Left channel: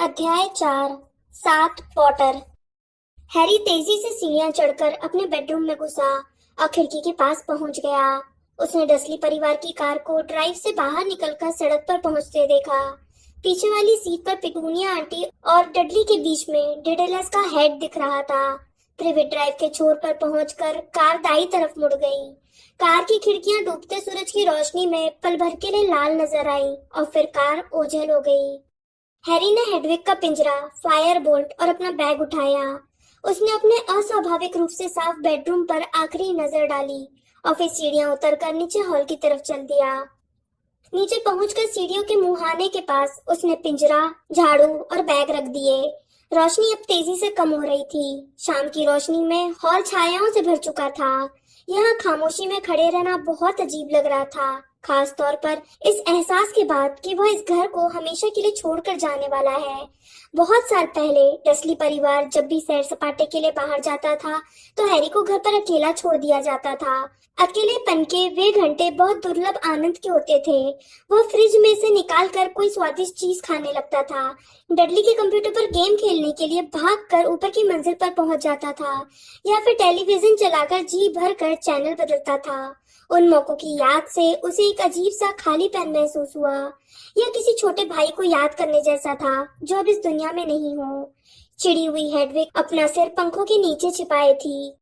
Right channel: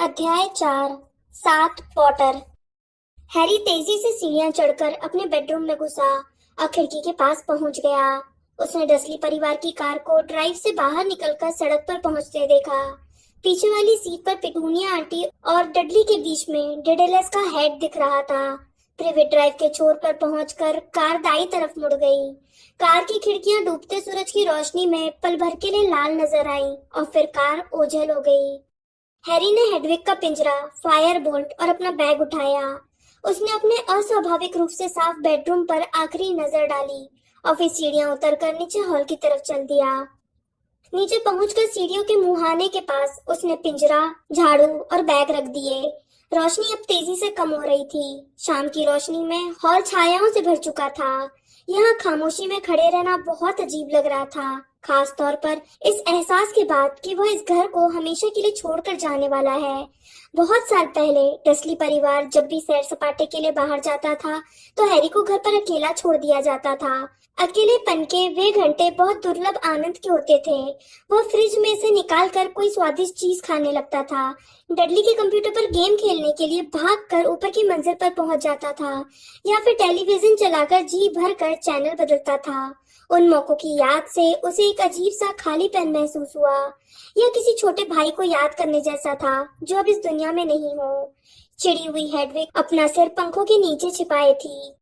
अध्याय 4। सात Potter. Harry तेजी से सीढ़ियां चढ़कर अपने बेडरूम में घुसा और खिड़की के पास पहुंच गया। उसने डसली परिवार की कार को ड्राइव से बाहर निकलकर सड़क पर पहुंचते देखा। पीछे वाली सीट पर पिटूनिया आंटी और डडली के बीच में डिडेलस का हेड दिख रहा था। प्रिवेट ड्राइव के छोर पर पहुंचकर कार दाई तरफ मुड़ गई। कार की खिड़कियां डूबते सूरज की रोशनी में पल भर के लिए लाल नजर आई और फिर कार ओझल हो गई। हैरी ने हेडविग का पिंजरा, फायर बोल्ट और अपना बैग उठाया। उसने अपने अस्वाभाविक रूप से साफ बेडरूम पर आखिरी नजर डाली और फिर सीढ़ियां उतरकर नीचे हॉल की तरफ चल दिया। नीचे पहुंचकर सीढ़ियों के मुहाने के पास उसने पिंजरा, झाड़ू और बैग रख दिए। रोशनी अब तेजी से कम हो रही थी। शाम की रोशनी में हॉल छायाओं से भर चुका था। यहाँ खामोशी में खड़े रहना बहुत अजीब लग रहा था, खास तौर पर इस एहसास के बाद कि वह इस घर को हमेशा के लिए छोड़कर जाने वाला है। बहुत साल पहले डसली परिवार जब भी सैर सपाटे के लिए बाहर जाता था तो हैरी को घर पर अकेला छोड़ दिया जाता था। अकेलेपन के वे घंटे बहुत दुर्लभ आनंद के होते थे। वह फ्रिज में से निकाल कर कोई स्वादिष्ट चीज खाने लगता था, डडली के कंप्यूटर पर गेम खेलने के लिए भागकर ऊपर की मंजिल पर पहुंच जाता था या फिर टेलीविजन चलाकर जी भर कर चैनल बदलता था। उन मौकों की याद से उसे एक अजीब सा खालीपन महसूस हुआ। यह किसी छोटे भाई को याद करने जैसा था जो अब इस दुनिया में नहीं हो। चिड़ी हुई हेडविग अपना सिर पंखों के नीचे छिपाए थी।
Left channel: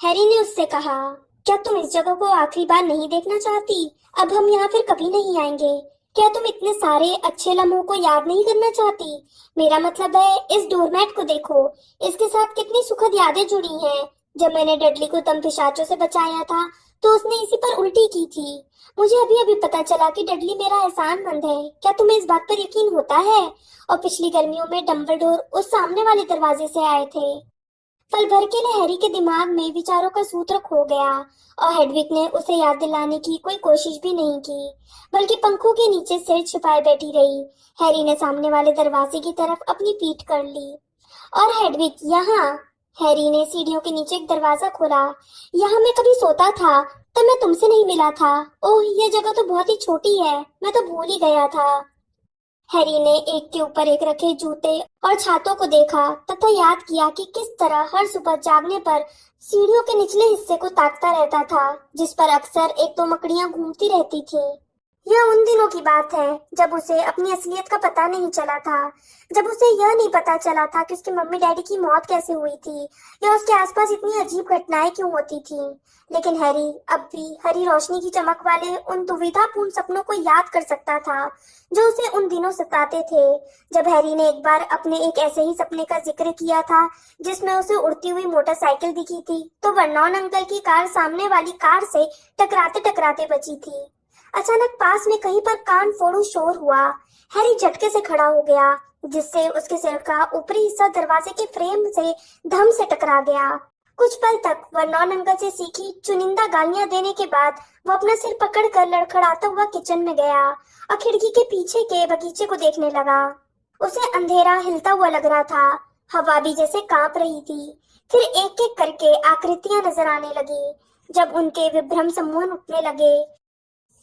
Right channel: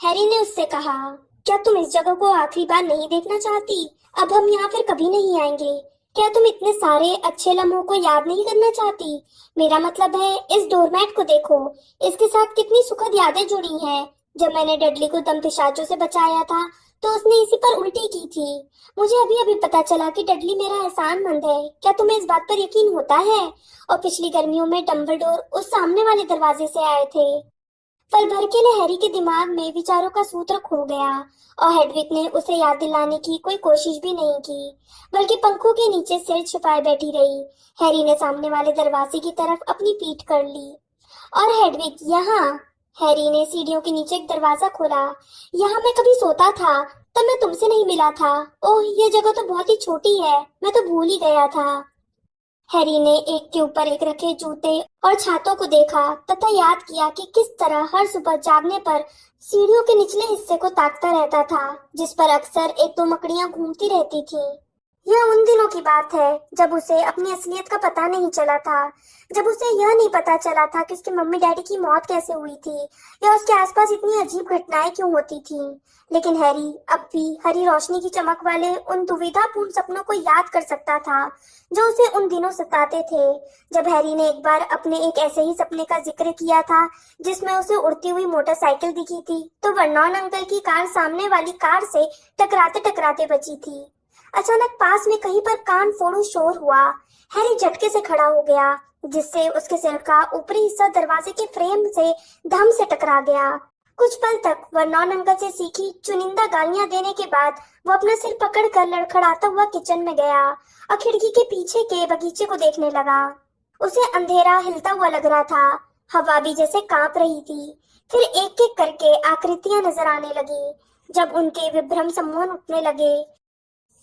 हैरी ने उससे कहा, क्या तुम इस जगह को आखिरी बार नहीं देखना चाहती? अब हम यहाँ फिर कभी नहीं आएंगे। क्या तुम इतने सारे अच्छे लम्हों को याद नहीं करना चाहती? मेरा मतलब है, इस डोरमैट को देखो, इसके साथ कितनी सुखद यादें जुड़ी हैं। जब मैंने डडली को दम पिशाचों से बचाया था तो उसने इसी पर उल्टी की थी। मुझे अभी अभी पता चला कि डडली मेरा एहसानमंद है। क्या तुम्हें इस बात पर यकीन होता है? और पिछली गर्मियों में डंबलडोर उस सामने वाले दरवाजे से आए थे। पल भर के लिए हैरी के दिमाग में विचारों का सूत्र खो गया और हेडविग ने उसे याद दिलाने की कोई कोशिश भी नहीं की, बल्कि पंखों के नीचे सिर छुपाए बैठी रही। हैरी ने सामने वाले दरवाजे की तरफ अपनी पीठ कर ली। और हेडविग यहाँ। हैरी ने सीढ़ियों के नीचे एक दरवाजा खोला। यहाँ मैं कभी सोता था तो मैं तुमसे नहीं मिला था। ओह, यह जगह तो बहुत ही छोटी है, मैं तो भूल ही गया था। हैरी ने एक के ऊपर एक रखे जूते और छातों को देखा तथा याद किया कि किस तरह हर सुबह जागने पर सीढ़ियों के निचले हिस्से को ताकता रहता था, जिस पर अक्सर एक दो मकड़ियां घूमती रहती थीं। यह उन दिनों की बात है जब उसे अपनी असलियत का पता नहीं चला था, जब उसे यह नहीं पता चला था कि उसके मम्मी डैडी की मौत कैसे हुई थी या उसके आसपास इतनी अजीब घटनाएं क्यों होती थीं। लेकिन हैरी अब भी हरी रोशनी की चमक वाले उन दुविधापूर्ण सपनों को याद कर सकता था जो उसे उन दिनों सताते थे, जब हैरी ने एक बार अपने एक ऐसे ही सपने का जिक्र किया था जिसमें उसे उड़ती हुई मोटरसाइकिल दिखी थी तो वर्नॉन अंकल की कार सामने वाली कार से टकराते टकराते बची थी। अचानक पास में कहीं पर कान फोड़ू शोर हुआ। हैरी झटके से खड़ा हो गया, जिससे उसके सिर का ऊपरी हिस्सा दरवाजे के फ्रेम से धम से टकरा गया। कुछ पल तक वर्नॉन अंकल से सीखी चुनिंदा गालियां देने के बाद वो अपना सिर पकड़कर लड़खड़ाता हुआ किचन में गया और खिड़की के पीछे के बगीचे को देखने लगा। उसे अंधेरा हिलता हुआ लग रहा था, हवा भी जैसे कांप रही थी। फिर एक एक करके आकृतियां नजर आने लगी। जब उनके विभ्रम सम्मोहन उठने लगे,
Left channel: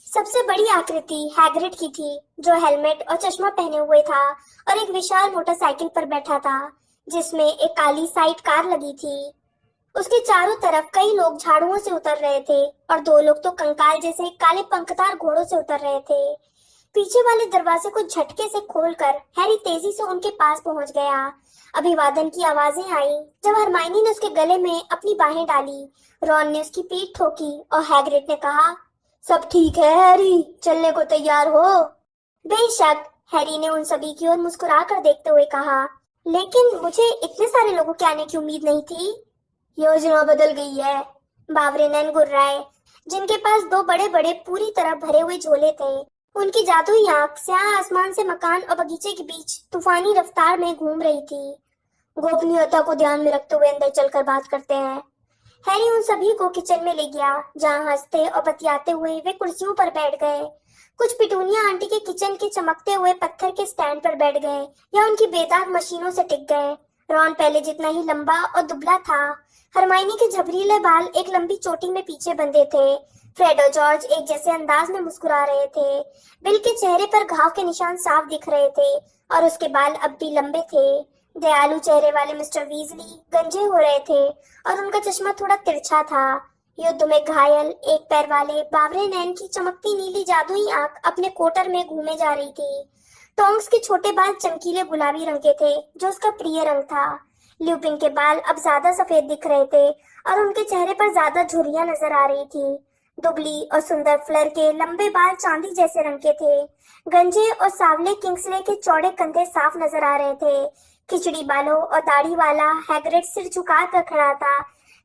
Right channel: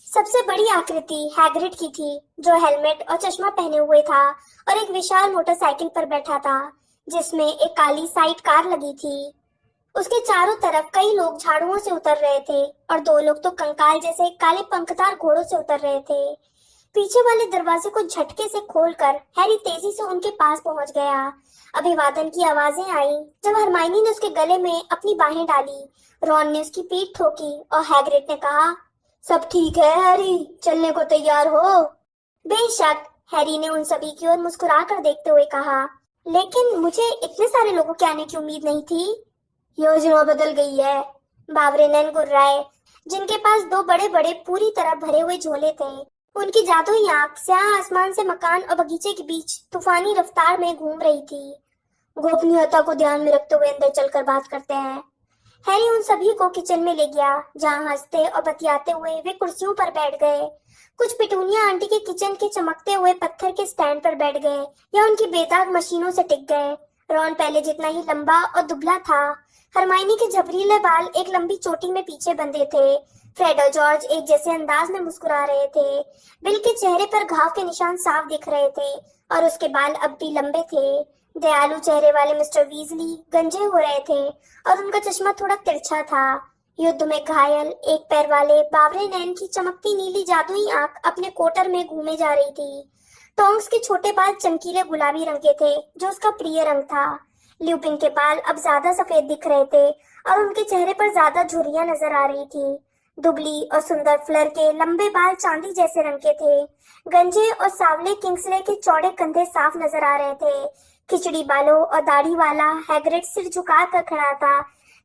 सबसे बड़ी आकृति हैग्रिड की थी, जो हेलमेट और चश्मा पहने हुए था और एक विशाल मोटरसाइकिल पर बैठा था जिसमें एक काली साइड कार लगी थी। उसके चारों तरफ कई लोग झाड़ुओं से उतर रहे थे और दो लोग तो कंकाल जैसे काले पंखदार घोड़ों से उतर रहे थे। पीछे वाले दरवाजे को झटके से खोलकर हैरी तेजी से उनके पास पहुंच गया। अभिवादन की आवाजें आई जब हरमाइनी ने उसके गले में अपनी बाहें डाली। रॉन ने उसकी पीठ ठोकी और हैग्रिड ने कहा, सब ठीक है हैरी, चलने को तैयार हो? बेशक, हैरी ने उन सभी की ओर मुस्कुरा कर देखते हुए कहा, लेकिन मुझे इतने सारे लोगों के आने की उम्मीद नहीं थी। योजना बदल गई है, बावरे नैन गुर्राए, जिनके पास दो बड़े बड़े पूरी तरह भरे हुए झोले थे। उनकी जादुई आंख स्याह आसमान से मकान और बगीचे के बीच तूफानी रफ्तार में घूम रही थी। गोपनीयता को ध्यान में रखते हुए अंदर चलकर बात करते हैं। हैरी उन सभी को किचन में ले गया, जहां हंसते और बतियाते हुए वे कुर्सियों पर बैठ गए। कुछ पिटूनिया आंटी के किचन के चमकते हुए पत्थर के स्टैंड पर बैठ गए या उनकी बेदाग मशीनों से टिक गए। रॉन पहले जितना ही लंबा और दुबला था। हरमाइनी के झबरीले बाल एक लंबी चोटी में पीछे बंधे थे, फ्रेड और जॉर्ज एक जैसे अंदाज में मुस्कुरा रहे थे। बिल के चेहरे पर घाव के निशान साफ दिख रहे थे और उसके बाल अब भी लंबे थे। दयालु चेहरे वाले मिस्टर वीजली गंजे हो रहे थे और उनका चश्मा थोड़ा तिरछा था। युद्ध में घायल एक पैर वाले बावरे नैन की चमकती नीली जादुई आंख अपने कोटर में घूमे जा रही थी। टोंक्स के छोटे बाल चमकीले गुलाबी रंग के थे, जो उसका प्रिय रंग था। ल्यूपिन के बाल अब ज्यादा सफेद दिख रहे थे और उनके चेहरे पर ज्यादा झुर्रियां नजर आ रही थी। दुबली और सुंदर फ्लर के लंबे बाल चांदी जैसे रंग के थे। गंजे और सावले किंग्सले के चौड़े कंधे साफ नजर आ रहे थे। खिचड़ी बालों और दाढ़ी वाला हैग्रिड सिर झुका कर खड़ा था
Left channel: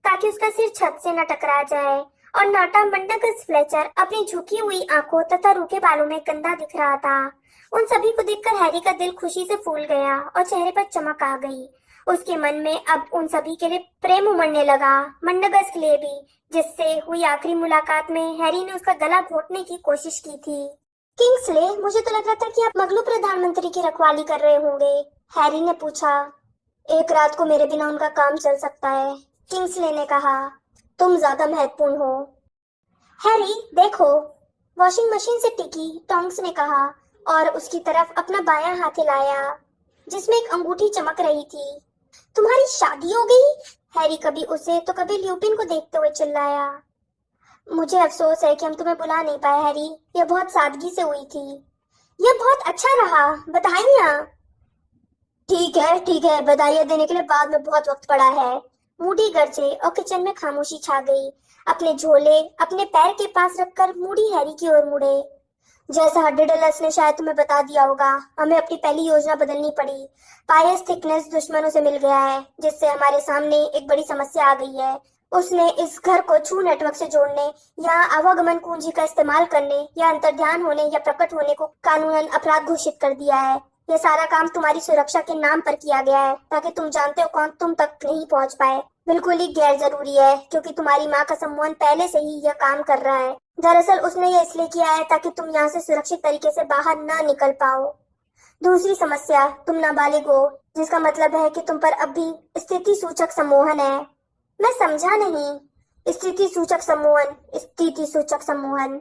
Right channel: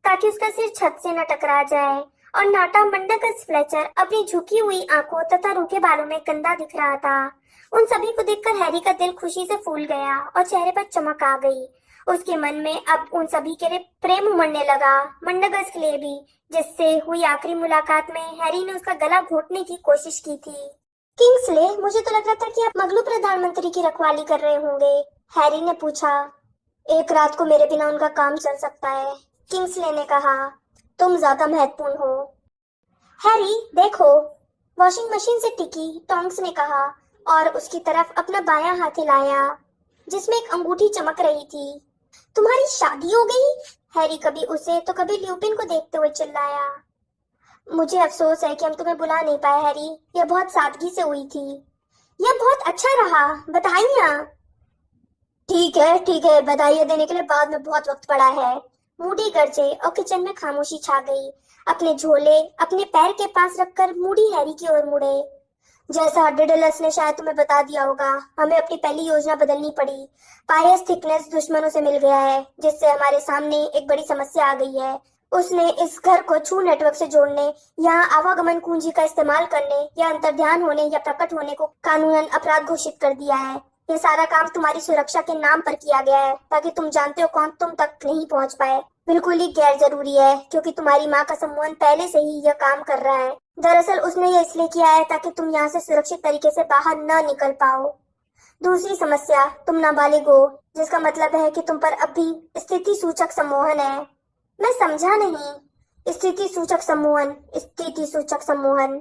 ताकि उसका सिर छत से न टकरा जाए, और नाटा मंडकस फ्लेचर अपनी झुकी हुई आंखों तथा रूखे बालों में गंदा दिख रहा था। उन सभी को देखकर हैरी का दिल खुशी से फूल गया और चेहरे पर चमक आ गई। उसके मन में अब उन सभी के लिए प्रेम उमड़ने लगा, मंडगस के लिए भी, जिससे हुई आखिरी मुलाकात में हैरी ने उसका गला घोटने की कोशिश की थी। किंग्सले, मुझे तो लग रहा था कि आप मगलू प्रधानमंत्री की रखवाली कर रहे होंगे, हैरी ने पूछा। एक रात को मेरे बिना उनका काम चल सकता है, किंग्सले ने कहा। तुम ज्यादा महत्वपूर्ण हो। हैरी देखो, वॉशिंग मशीन से टिकी, टोंक्स ने कहा और उसकी तरफ अपना बायां हाथ हिलाया जिसमें एक अंगूठी चमक रही थी। तुम्हारी शादी हो गई? हैरी कभी उसे तो कभी ल्यूपिन को देखते हुए चिल्लाया। मुझे अफसोस है कि हम तुम्हें बुला नहीं पाए हैरी, यह बहुत सादगी से हुई थी। यह बहुत अच्छा रहा, बधाइयाँ। ठीक है, बधाइयाँ देने के लिए बाद में बहुत वक्त पड़ा है। मूडी गरजे और किचन में खामोशी छा गई। अपने झोले अपने पैर के पास रखकर मूडी हैरी की ओर मुड़े। जैसा डिडलस ने शायद तुम्हें बता दिया होगा, हमें अपनी पहली योजना बदलनी पड़ी। पायस थिकनेस दुश्मनों से मिल गया है, जिससे हमारे सामने एक बड़ी समस्या आ गई है। उसने इस घर को छू नेटवर्क से जोड़ने, यहाँ आवागमन कुंजी का इस्तेमाल करने या अंतर्ध्यान होने या प्रकट होने को कानूनन अपराध घोषित कर दिया है। ये सारा काम तुम्हारी सुरक्षा के नाम पर किया गया है, ताकि तुम जानते हो कौन तुम तक नहीं पहुंच पाए। बिल्कुल ही गैर जरूरी है, क्योंकि तुम्हारी माँ का सम्मोहन पहले से ही यह काम कर रहा है। दरअसल उसने ये इसलिए किया है ताकि तुम यहाँ से सुरक्षित तरीके से बाहर न निकल पाओ। दूसरी समस्या, तुम नाबालिग हो, जिसका मतलब है कि तुम पर अब भी स्थिति सूचक सम्मोहन है। मैं समझा नहीं। स्थिति सूचक सम्मोहन, स्थिति सूचक सम्मोहन,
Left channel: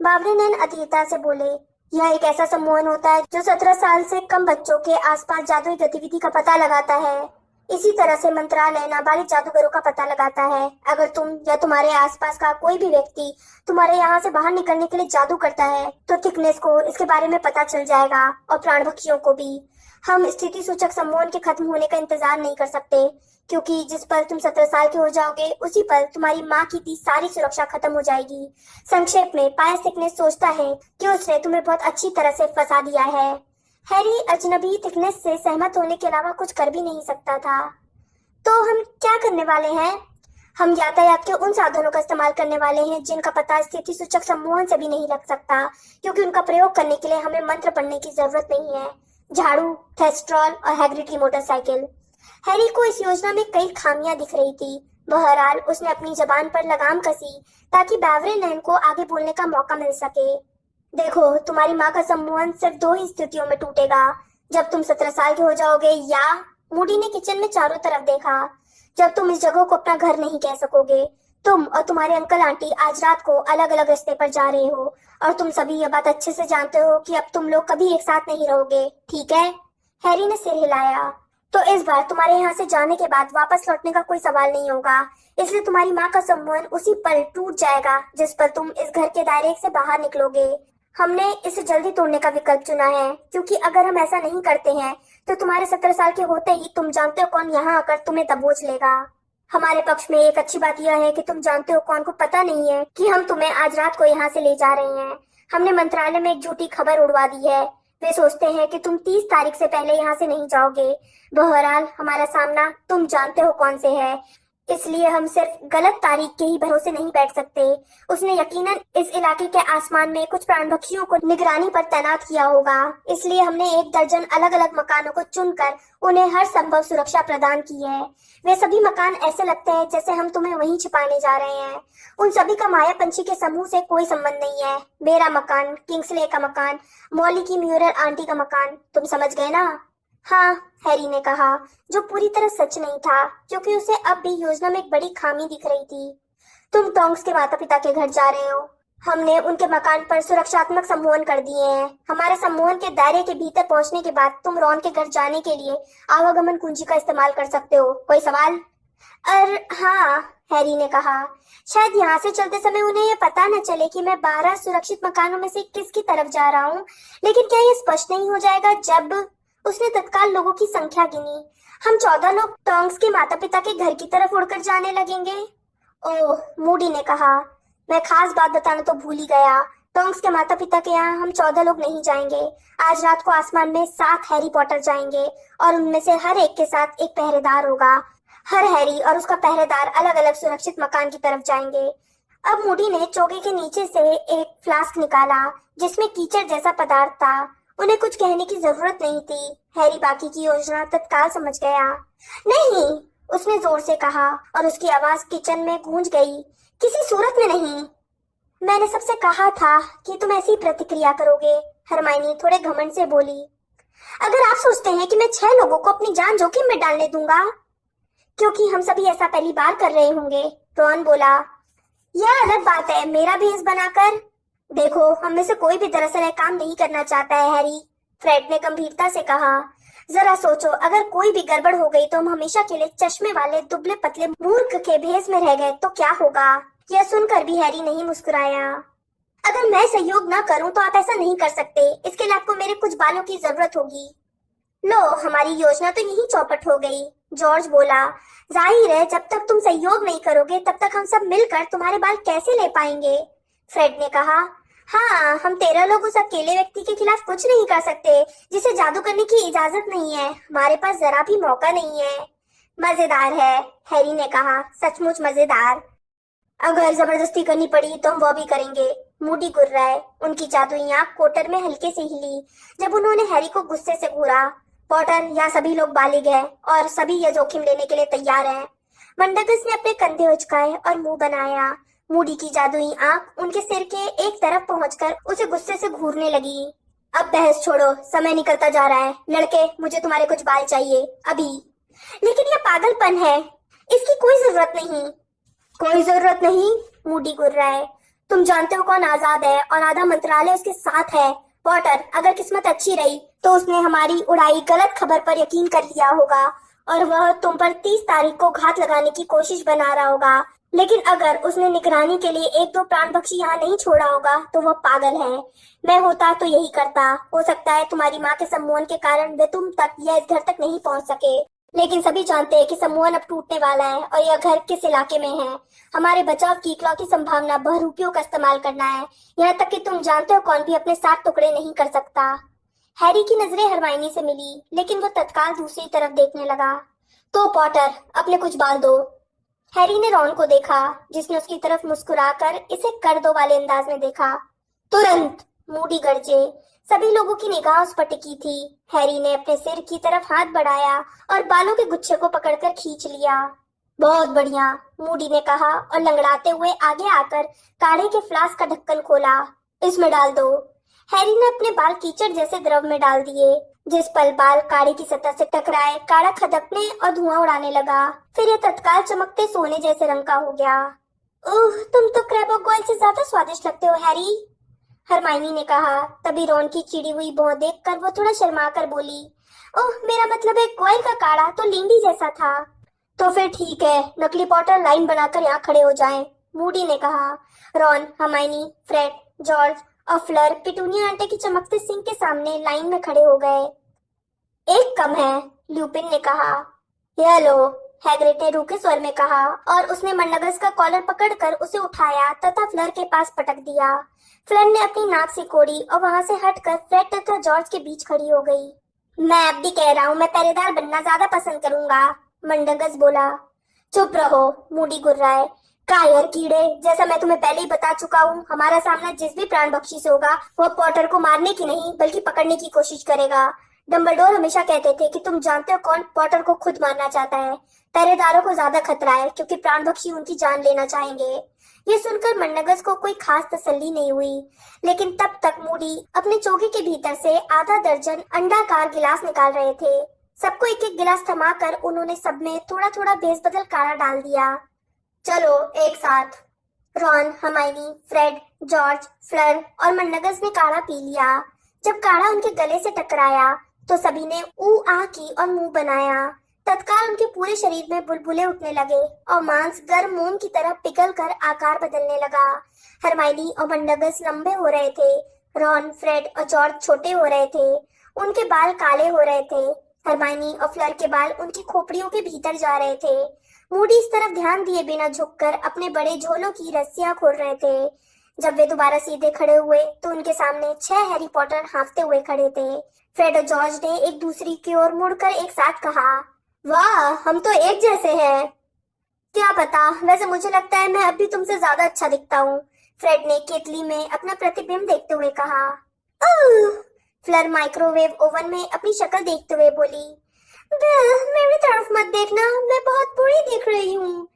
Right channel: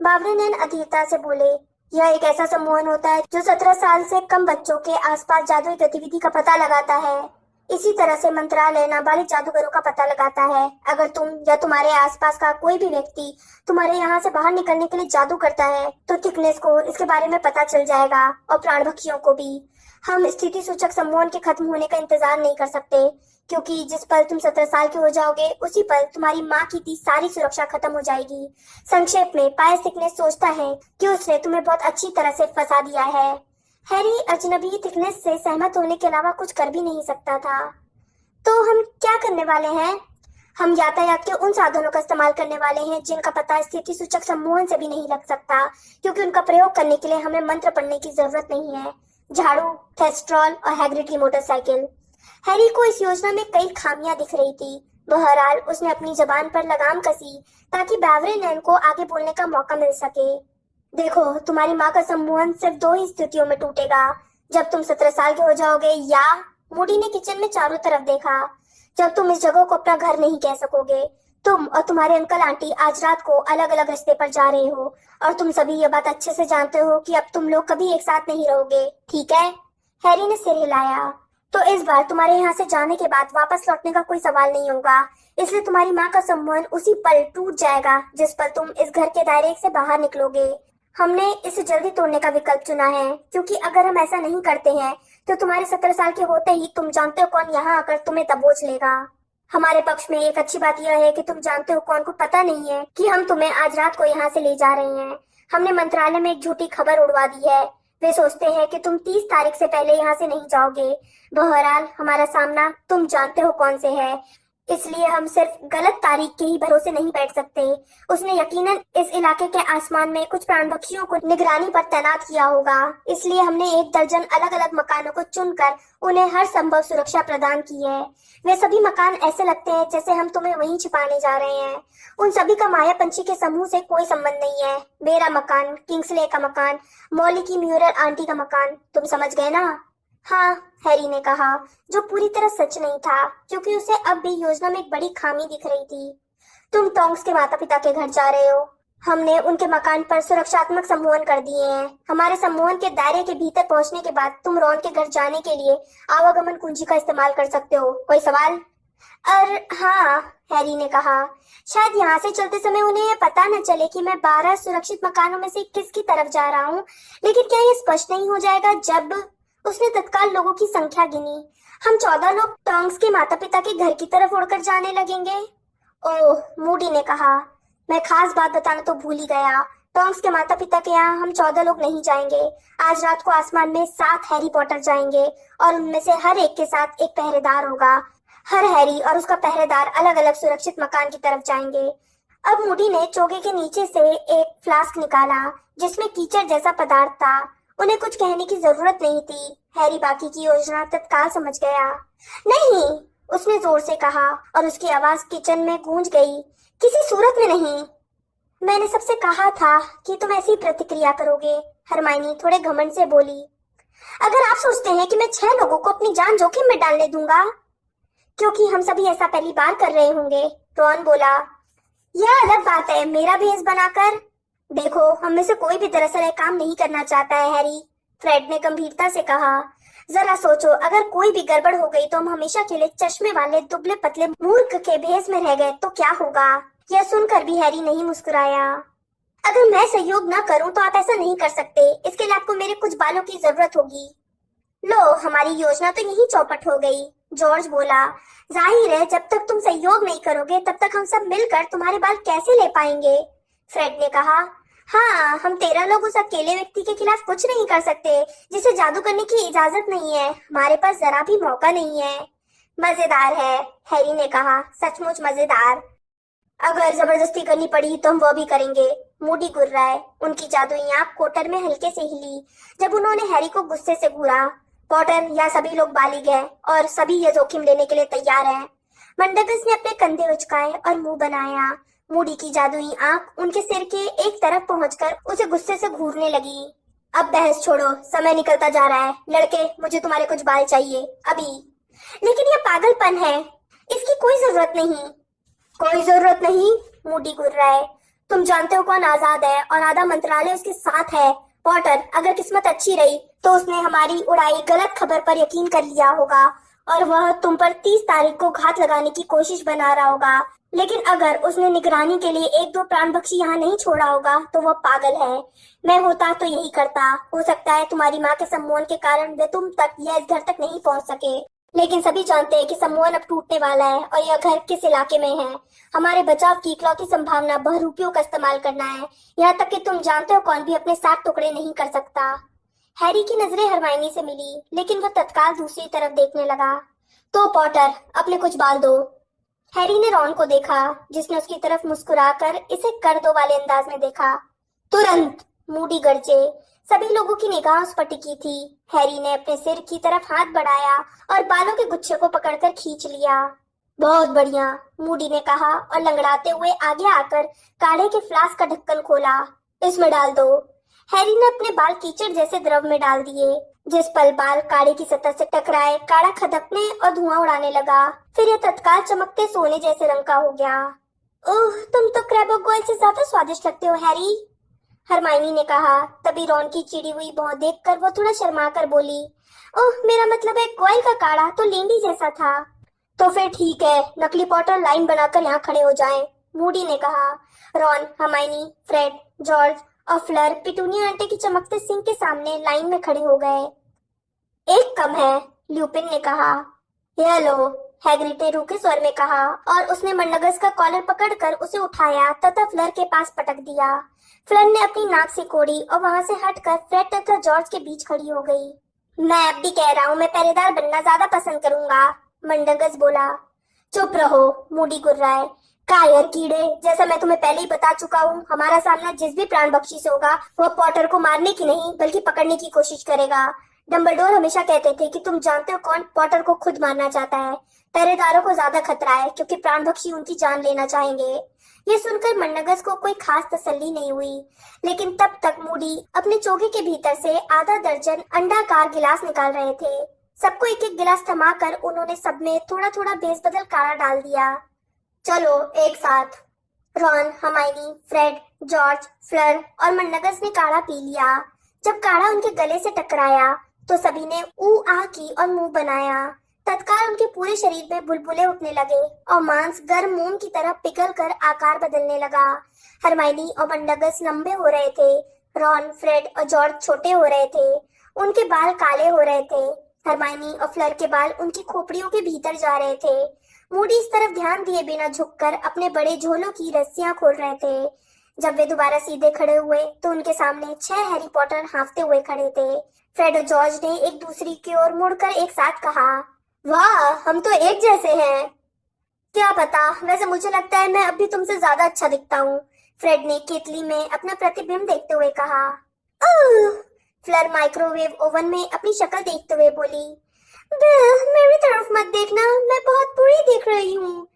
बावरे नैन अधीरता से बोले। यह एक ऐसा सम्मोहन होता है जो 17 साल से कम बच्चों के आसपास जादुई गतिविधि का पता लगाता है। इसी तरह से मंत्रालय नाबालिग जादूगरों का पता लगाता है। अगर तुम या तुम्हारे आसपास का कोई भी व्यक्ति तुम्हारे यहाँ से बाहर निकलने के लिए जादू करता है, तो थिकनेस को इसके बारे में पता चल जाएगा और प्राणभक्षियों को भी। हम स्थिति सूचक सम्मोहन के खत्म होने का इंतजार नहीं कर सकते, क्योंकि जिस पल तुम 17 साल के हो जाओगे, उसी पल तुम्हारी माँ की दी सारी सुरक्षा खत्म हो जाएगी। संक्षेप में, पायस थिकनेस सोचता है कि उसने तुम्हें बहुत अच्छी तरह से फंसा दिया है। हैरी अजनबी थिकनेस से सहमत होने के अलावा कुछ कर भी नहीं सकता था। तो हम क्या करने वाले हैं? हम यातायात के उन साधनों का इस्तेमाल करने वाले हैं जिनका पता स्थिति सूचक सम्मोहन से भी नहीं लग सकता, क्योंकि उनका प्रयोग करने के लिए हमें मंत्र पढ़ने की जरूरत नहीं है। झाड़ू, थेस्ट्रॉल और हैग्रिड की मोटरसाइकिल। हैरी को इस योजना में कई खामियां दिख रही थी। बहरहाल उसने अपनी जबान पर लगाम कसी ताकि बावरे नैन को आगे बोलने का मौका मिल सके। देखो, तुम्हारी माँ का सम्मोहन सिर्फ 2 ही स्थितियों में टूटेगा, जब तुम 17 साल के हो जाओगे, या मूडी ने किचन में चारों तरफ देखा, जब तुम इस जगह को अपना घर नहीं कह सकोगे। तुम और तुम्हारे अंकल आंटी आज रात को अलग अलग रास्ते पर जा रहे हो, और तुम सभी ये बात अच्छे से जानते हो कि अब तुम लोग कभी एक साथ नहीं रहोगे, ठीक है? हैरी ने सिर हिलाया। तो इस बार तुम्हारे यहाँ से जाने के बाद वापस लौटने का कोई सवाल नहीं होगा, इसलिए तुम्हारी माँ का सम्मान उसी पल टूट जाएगा जिस पर तुम इस घर के दायरे से बाहर निकलोगे। हमने इसे जल्दी तोड़ने का विकल्प चुना है, क्योंकि अगर हम ऐसा नहीं करते हैं तो तुम्हारे 17 साल के होते ही तुम जानते हो कौन यहाँ आकर तुम्हें दबोच लेगा। हमारे पक्ष में एक अच्छी बात यह है कि तुम जानते हो कौन को पता नहीं है कि हम तुम्हें आज रात को यहाँ से ले जा रहे हैं। हमने मंत्रालय में एक झूठी खबर उड़वा दी है। वे सोचते हैं कि तुम 30 तारीख से पहले यहाँ से नहीं जाओगे। बहरहाल हमारा सामना तुम जानते हो कौन से है, इसलिए हम सिर्फ गलत तारीख के ही भरोसे नहीं बैठ सकते। उसने यकीनन इस इलाके के आसमान में कुछ प्राणभक्षियों को निगरानी पर तैनात किया होगा, इसलिए हमने 1 दर्जन अलग अलग मकानों को चुनकर उन्हें हर संभव सुरक्षा प्रदान की है। वे सभी मकान ऐसे लगते हैं जैसे हम तुम्हें वहीं छिपाने जा रहे हैं। उन सभी का माया पंछी के समूह से कोई संबंध नहीं है। मेरा मकान, किंग्सले का मकान, मॉली की म्यूरल आंटी का मकान, तुम समझ गए ना? हाँ, हैरी ने कहा, जो पूरी तरह सच नहीं था, क्योंकि उसे अब भी योजना में एक बड़ी खामी दिख रही थी। तुम टोंग्स के माता पिता के घर जा रहे हो। हमने उनके मकान पर सुरक्षात्मक सम्मोहन कर दिए हैं। हमारे सम्मोहन के दायरे के भीतर पहुंचने के बाद तुम रॉन के घर जाने के लिए आवागमन कुंजी का इस्तेमाल कर सकते हो। कोई सवाल? हाँ, हैरी ने कहा। शायद यहाँ से चलते समय उन्हें यह पता न चले कि मैं 12 सुरक्षित मकानों में से किसकी तरफ जा रहा हूँ, लेकिन क्या यह स्पष्ट नहीं हो जाएगा जब उसने तत्काल लोगों की संख्या गिनी। हम 14 लोग टोंग्स के माता पिता के घर की तरफ उड़कर जाने लगेंगे। ओह, मूडी ने कहा। मैं खास बात बताना तो भूल ही गया। टोंग्स के माता पिता के यहाँ हम 14 लोग नहीं जाएंगे। आज रात को आसमान में 7 हैरी पॉटर जाएंगे और उनमें से हर एक के साथ एक पहरेदार होगा। हर हैरी और उसका पहरेदार अलग अलग सुरक्षित मकान की तरफ जाएंगे। अब मूडी ने चोगे के नीचे से एक फ्लास्क निकाला जिसमें कीचड़ जैसा पदार्थ था। उन्हें कुछ कहने की जरूरत नहीं थी। हैरी बाकी की योजना तत्काल समझ गया। नहीं, उसने जोर से कहा और उसकी आवाज किचन में गूंज गई। किसी सूरत में नहीं। मैंने सबसे कहा था कि तुम ऐसी प्रतिक्रिया करोगे, हरमाइनी थोड़े घमंड से बोली। अगर आप सोचते हैं कि मैं 6 लोगों को अपनी जान जोखिम में डालने दूंगा, क्योंकि हम सभी ऐसा पहली बार कर रहे होंगे, रॉन बोला। यह अलग बात है मेरा भेष बनाकर। देखो, हम में से कोई भी दरअसल यह काम नहीं करना चाहता है, हैरी, फ्रेड ने गंभीरता से कहा। जरा सोचो, अगर कोई भी गड़बड़ हो गई तो हम हमेशा के लिए चश्मे वाले दुबले पतले मूर्ख के भेष में रह गए तो क्या होगा? यह सुनकर भी हैरी नहीं मुस्कुराया। अगर मैं सहयोग न करूं तो आप ऐसा नहीं कर सकते। इसके लिए आपको मेरे कुछ बालों की जरूरत होगी। लो, हमारी योजना तो यही चौपट हो गई, जॉर्ज बोला। जाहिर है जब तक तुम सहयोग नहीं करोगे तब तक हम सब मिलकर तुम्हारे बाल कैसे ले पाएंगे? फ्रेड ने कहा। हाँ, हम 13 लोग उस अकेले व्यक्ति के खिलाफ कुछ नहीं कर सकते जिसे जादू करने की इजाजत नहीं है। हमारे पास जरा भी मौका नहीं है। मजेदार है, हैरी ने कहा, सचमुच मजेदार। अगर जबरदस्ती करनी पड़ी तो हम वो भी करेंगे। मूडी गुर्राए। उनकी जादुई आंख कोटर में हल्के से हिली जब उन्होंने हैरी को गुस्से से घूरा। पॉटर, या सभी लोग बालिग हैं और सभी ये जोखिम लेने के लिए तैयार हैं। मंडगस ने अपने कंधे उचकाए और मुंह बनाया। मूडी की जादुई आंख उनके सिर के एक तरफ पहुंचकर उसे गुस्से से घूरने लगी। अब बहस छोड़ो, समय निकलता जा रहा है। लड़के, मुझे तुम्हारे कुछ बाल चाहिए, अभी। लेकिन ये पागलपन है, इसकी कोई जरूरत नहीं। कोई जरूरत नहीं? मूडी गुर्राए। तुम जानते हो कौन आजाद है और आधा मंत्रालय उसके साथ है। पॉटर, अगर किस्मत अच्छी रही तो उसने हमारी उड़ाई गलत खबर पर यकीन कर लिया होगा और वह तुम पर 30 तारीख को घात लगाने की कोशिश बना रहा होगा। लेकिन अगर उसने निगरानी के लिए 1-2 प्राण पक्षी यहाँ नहीं छोड़ा होगा तो वह पागल है। मैं होता तो यही करता। हो सकता है तुम्हारी माँ के सम्मोहन के कारण वे तुम तक या इस घर तक नहीं पहुँच सके, लेकिन सभी जानते हैं कि सम्मोहन अब टूटने वाला है और यह घर किस इलाके में है। हमारे बचाव की इकलौती संभावना बहरूपियों का इस्तेमाल करना है। यहाँ तक कि तुम जानते हो कौन भी अपने साथ टुकड़े नहीं कर सकता। हैरी की नजरें हरमाइनी से मिली, लेकिन वह तत्काल दूसरी तरफ देखने लगा। तो पॉटर, अपने कुछ बाल दो। हैरी ने रॉन को देखा, जिसने उसकी तरफ मुस्कुराकर इसे कर दो वाले अंदाज में देखा। तुरंत! मूडी गरजे। सभी लोगों की निगाह उस पर टिकी थी। हैरी ने अपने सिर की तरफ हाथ बढ़ाया और बालों के गुच्छे को पकड़कर खींच लिया। बहुत बढ़िया, मूडी ने कहा और लंगड़ाते हुए आगे आकर काढ़े के फ्लास्क का ढक्कन खोला। इसमें डाल दो। हैरी ने अपने बाल कीचड़ जैसे द्रव में डाल दिए। जिस पल बाल काढ़े की सतह से टकराए, काढ़ा खदकने और धुआं उड़ाने लगा। फिर यह तत्काल चमकते सोने जैसे रंग का हो गया। ओह, तुम तो क्रैब ऑयल से ज्यादा स्वादिष्ट लगते हो, हैरी, हरमाइनी ने कहा। तभी रॉन की चिड़ी हुई भौं देखकर वो थोड़ा शर्मा कर बोली, ओह, मेरा मतलब एक कोयल का काढ़ा तो लींडी जैसा था। तो फिर ठीक है, नकली पॉटर लाइन बनाकर यहाँ खड़े हो जाएं, मूडी ने कहा। रॉन, हरमाइनी, फ्रेड, जॉर्ज और फ्लर पिटूनिया आंटे की चमकते सिंह के सामने लाइन में खड़े हो गए। एक कम है, ल्यूपिन ने कहा। यह लो, हैग्रिड ने रूखे स्वर में कहा और उसने मंडगस का कॉलर पकड़कर उसे उठाया तथा फ्लर के पास पटक दिया। फ्लर ने अपनी नाक सिकोड़ी और वहां से हटकर फ्रेड तथा जॉर्ज के बीच खड़ी हो गई। मैं अब भी कह रहा हूँ, मैं पहरेदार बनना ज्यादा पसंद करूंगा, मंडगस बोला। चुप रहो, मूडी गुर्राए। कायर कीड़े, जैसा मैं तुम्हें पहले ही बता चुका हूँ, हमारा सामना जिस भी प्राण पक्षी से होगा वह पॉटर को मारने की नहीं बल्कि पकड़ने की कोशिश करेगा। डंबलडोर हमेशा कहते थे कि तुम जानते हो कौन पॉटर को खुद मारना चाहता है। पहरेदारों को ज्यादा खतरा है क्योंकि प्राण पक्षी उनकी जान लेना चाहेंगे। ये सुनकर मंडगस को कोई खास तसल्ली नहीं हुई, लेकिन तब तक मूडी अपने चोगे के भीतर से आधा दर्जन अंडाकार गिलास निकाल रहे थे। सबको एक एक गिलास थमाकर उन्होंने सब में थोड़ा थोड़ा भेस बदल काढ़ा डाल दिया। चलो एक साथ, Ron, Hermione, Fred, George, flower और मन्नगस ने काढ़ा पी लिया। जब काढ़ा उनके गले से टकराया तो सभी ने ऊ आ की और मुंह बनाया। तत्काल उनके पूरे शरीर में बुलबुले उठने लगे और मांस गर्म मोम की तरह पिघल कर आकार बदलने लगा। हर्माइनी और मन्नगस लंबे हो रहे थे। रॉन, फ्रेड और जॉर्ज छोटे हो रहे थे। उनके बाल काले हो रहे थे। हर्माइनी और फ्लर के बाल उनकी खोपड़ियों के भीतर जा रहे थे। मूडी इस तरफ ध्यान दिए बिना झुककर अपने बड़े झोलों की रस्सियां खोल रहे थे। जब वे दोबारा सीधे खड़े हुए तो उनके सामने 6 हैरी पॉटर हाँफते हुए खड़े थे। फ्रेड और जॉर्ज ने एक दूसरे की ओर मुड़कर एक साथ कहा, वाह, हम तो एक जैसे हैं। क्या पता, वैसे मुझे लगता है मैं अब भी तुमसे ज्यादा अच्छा दिखता हूँ, फ्रेड ने केतली में अपना प्रतिबिंब देखते हुए कहा। फ्लर माइक्रोवेव ओवन में अपनी शक्ल देखते हुए बोली, मेरी तरफ मत देखना, मैं बहुत बुरी दिख रही हूँ।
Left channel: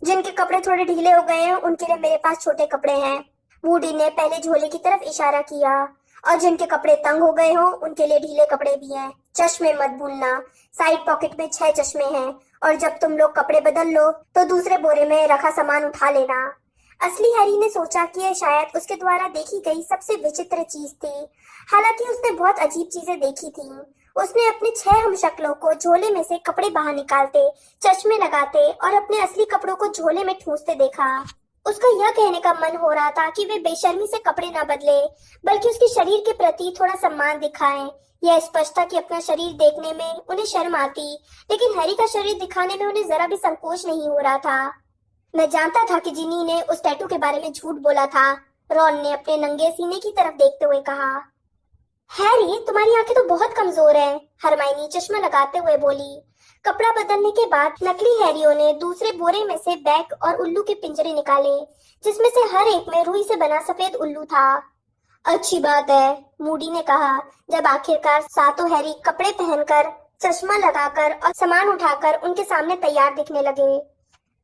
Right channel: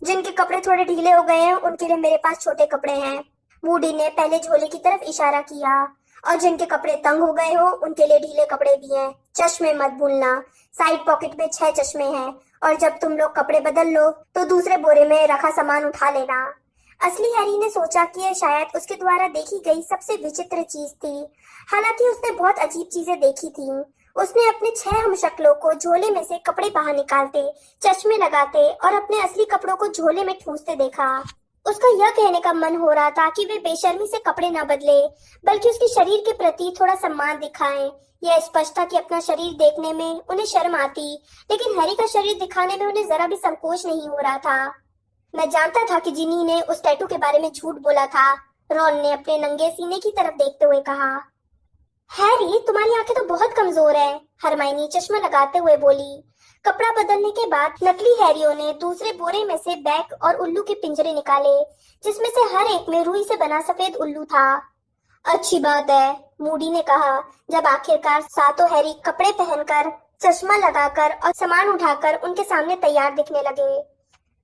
जिनके कपड़े थोड़े ढीले हो गए हैं उनके लिए मेरे पास छोटे कपड़े हैं। मूडी ने पहले झोले की तरफ इशारा किया। और जिनके कपड़े तंग हो गए हो उनके लिए ढीले कपड़े भी हैं। चश्मे मत भूलना, साइड पॉकेट में 6 चश्मे हैं और जब तुम लोग कपड़े बदल लो तो दूसरे बोरे में रखा सामान उठा लेना। असली हैरी ने सोचा कि यह शायद उसके द्वारा देखी गई सबसे विचित्र चीज थी। हालांकि उसने बहुत अजीब चीजें देखी थी। उसने अपने 6 हमशक्लों को झोले में से कपड़े बाहर निकालते, चश्मे लगाते और अपने असली कपड़ों को झोले में ठूंसते देखा। उसका यह कहने का मन हो रहा था कि वे बेशर्मी से कपड़े न बदले, बल्कि उसके शरीर के प्रति थोड़ा सम्मान दिखाएं। यह स्पष्ट था कि अपना शरीर देखने में उन्हें शर्म आती, लेकिन हैरी का शरीर दिखाने में उन्हें जरा भी संकोच नहीं हो रहा था। मैं जानता था कि जिनी ने उस टैटू के बारे में झूठ बोला था, रॉन ने अपने नंगे सीने की तरफ देखते हुए कहा। हैरी, तुम्हारी आंखें तो बहुत कमजोर हैं, हरमाइनी चश्मा लगाते हुए बोली। कपड़ा बदलने के बाद नकली हैरियों ने दूसरे बोरे में से बैग और उल्लू के पिंजरे निकाले, जिसमें से हर एक में रुई से बना सफेद उल्लू था। अच्छी बात है, मूडी ने कहा, जब आखिरकार सातों हैरी कपड़े पहनकर, चश्मा लगाकर और सामान उठाकर उनके सामने तैयार दिखने लगे।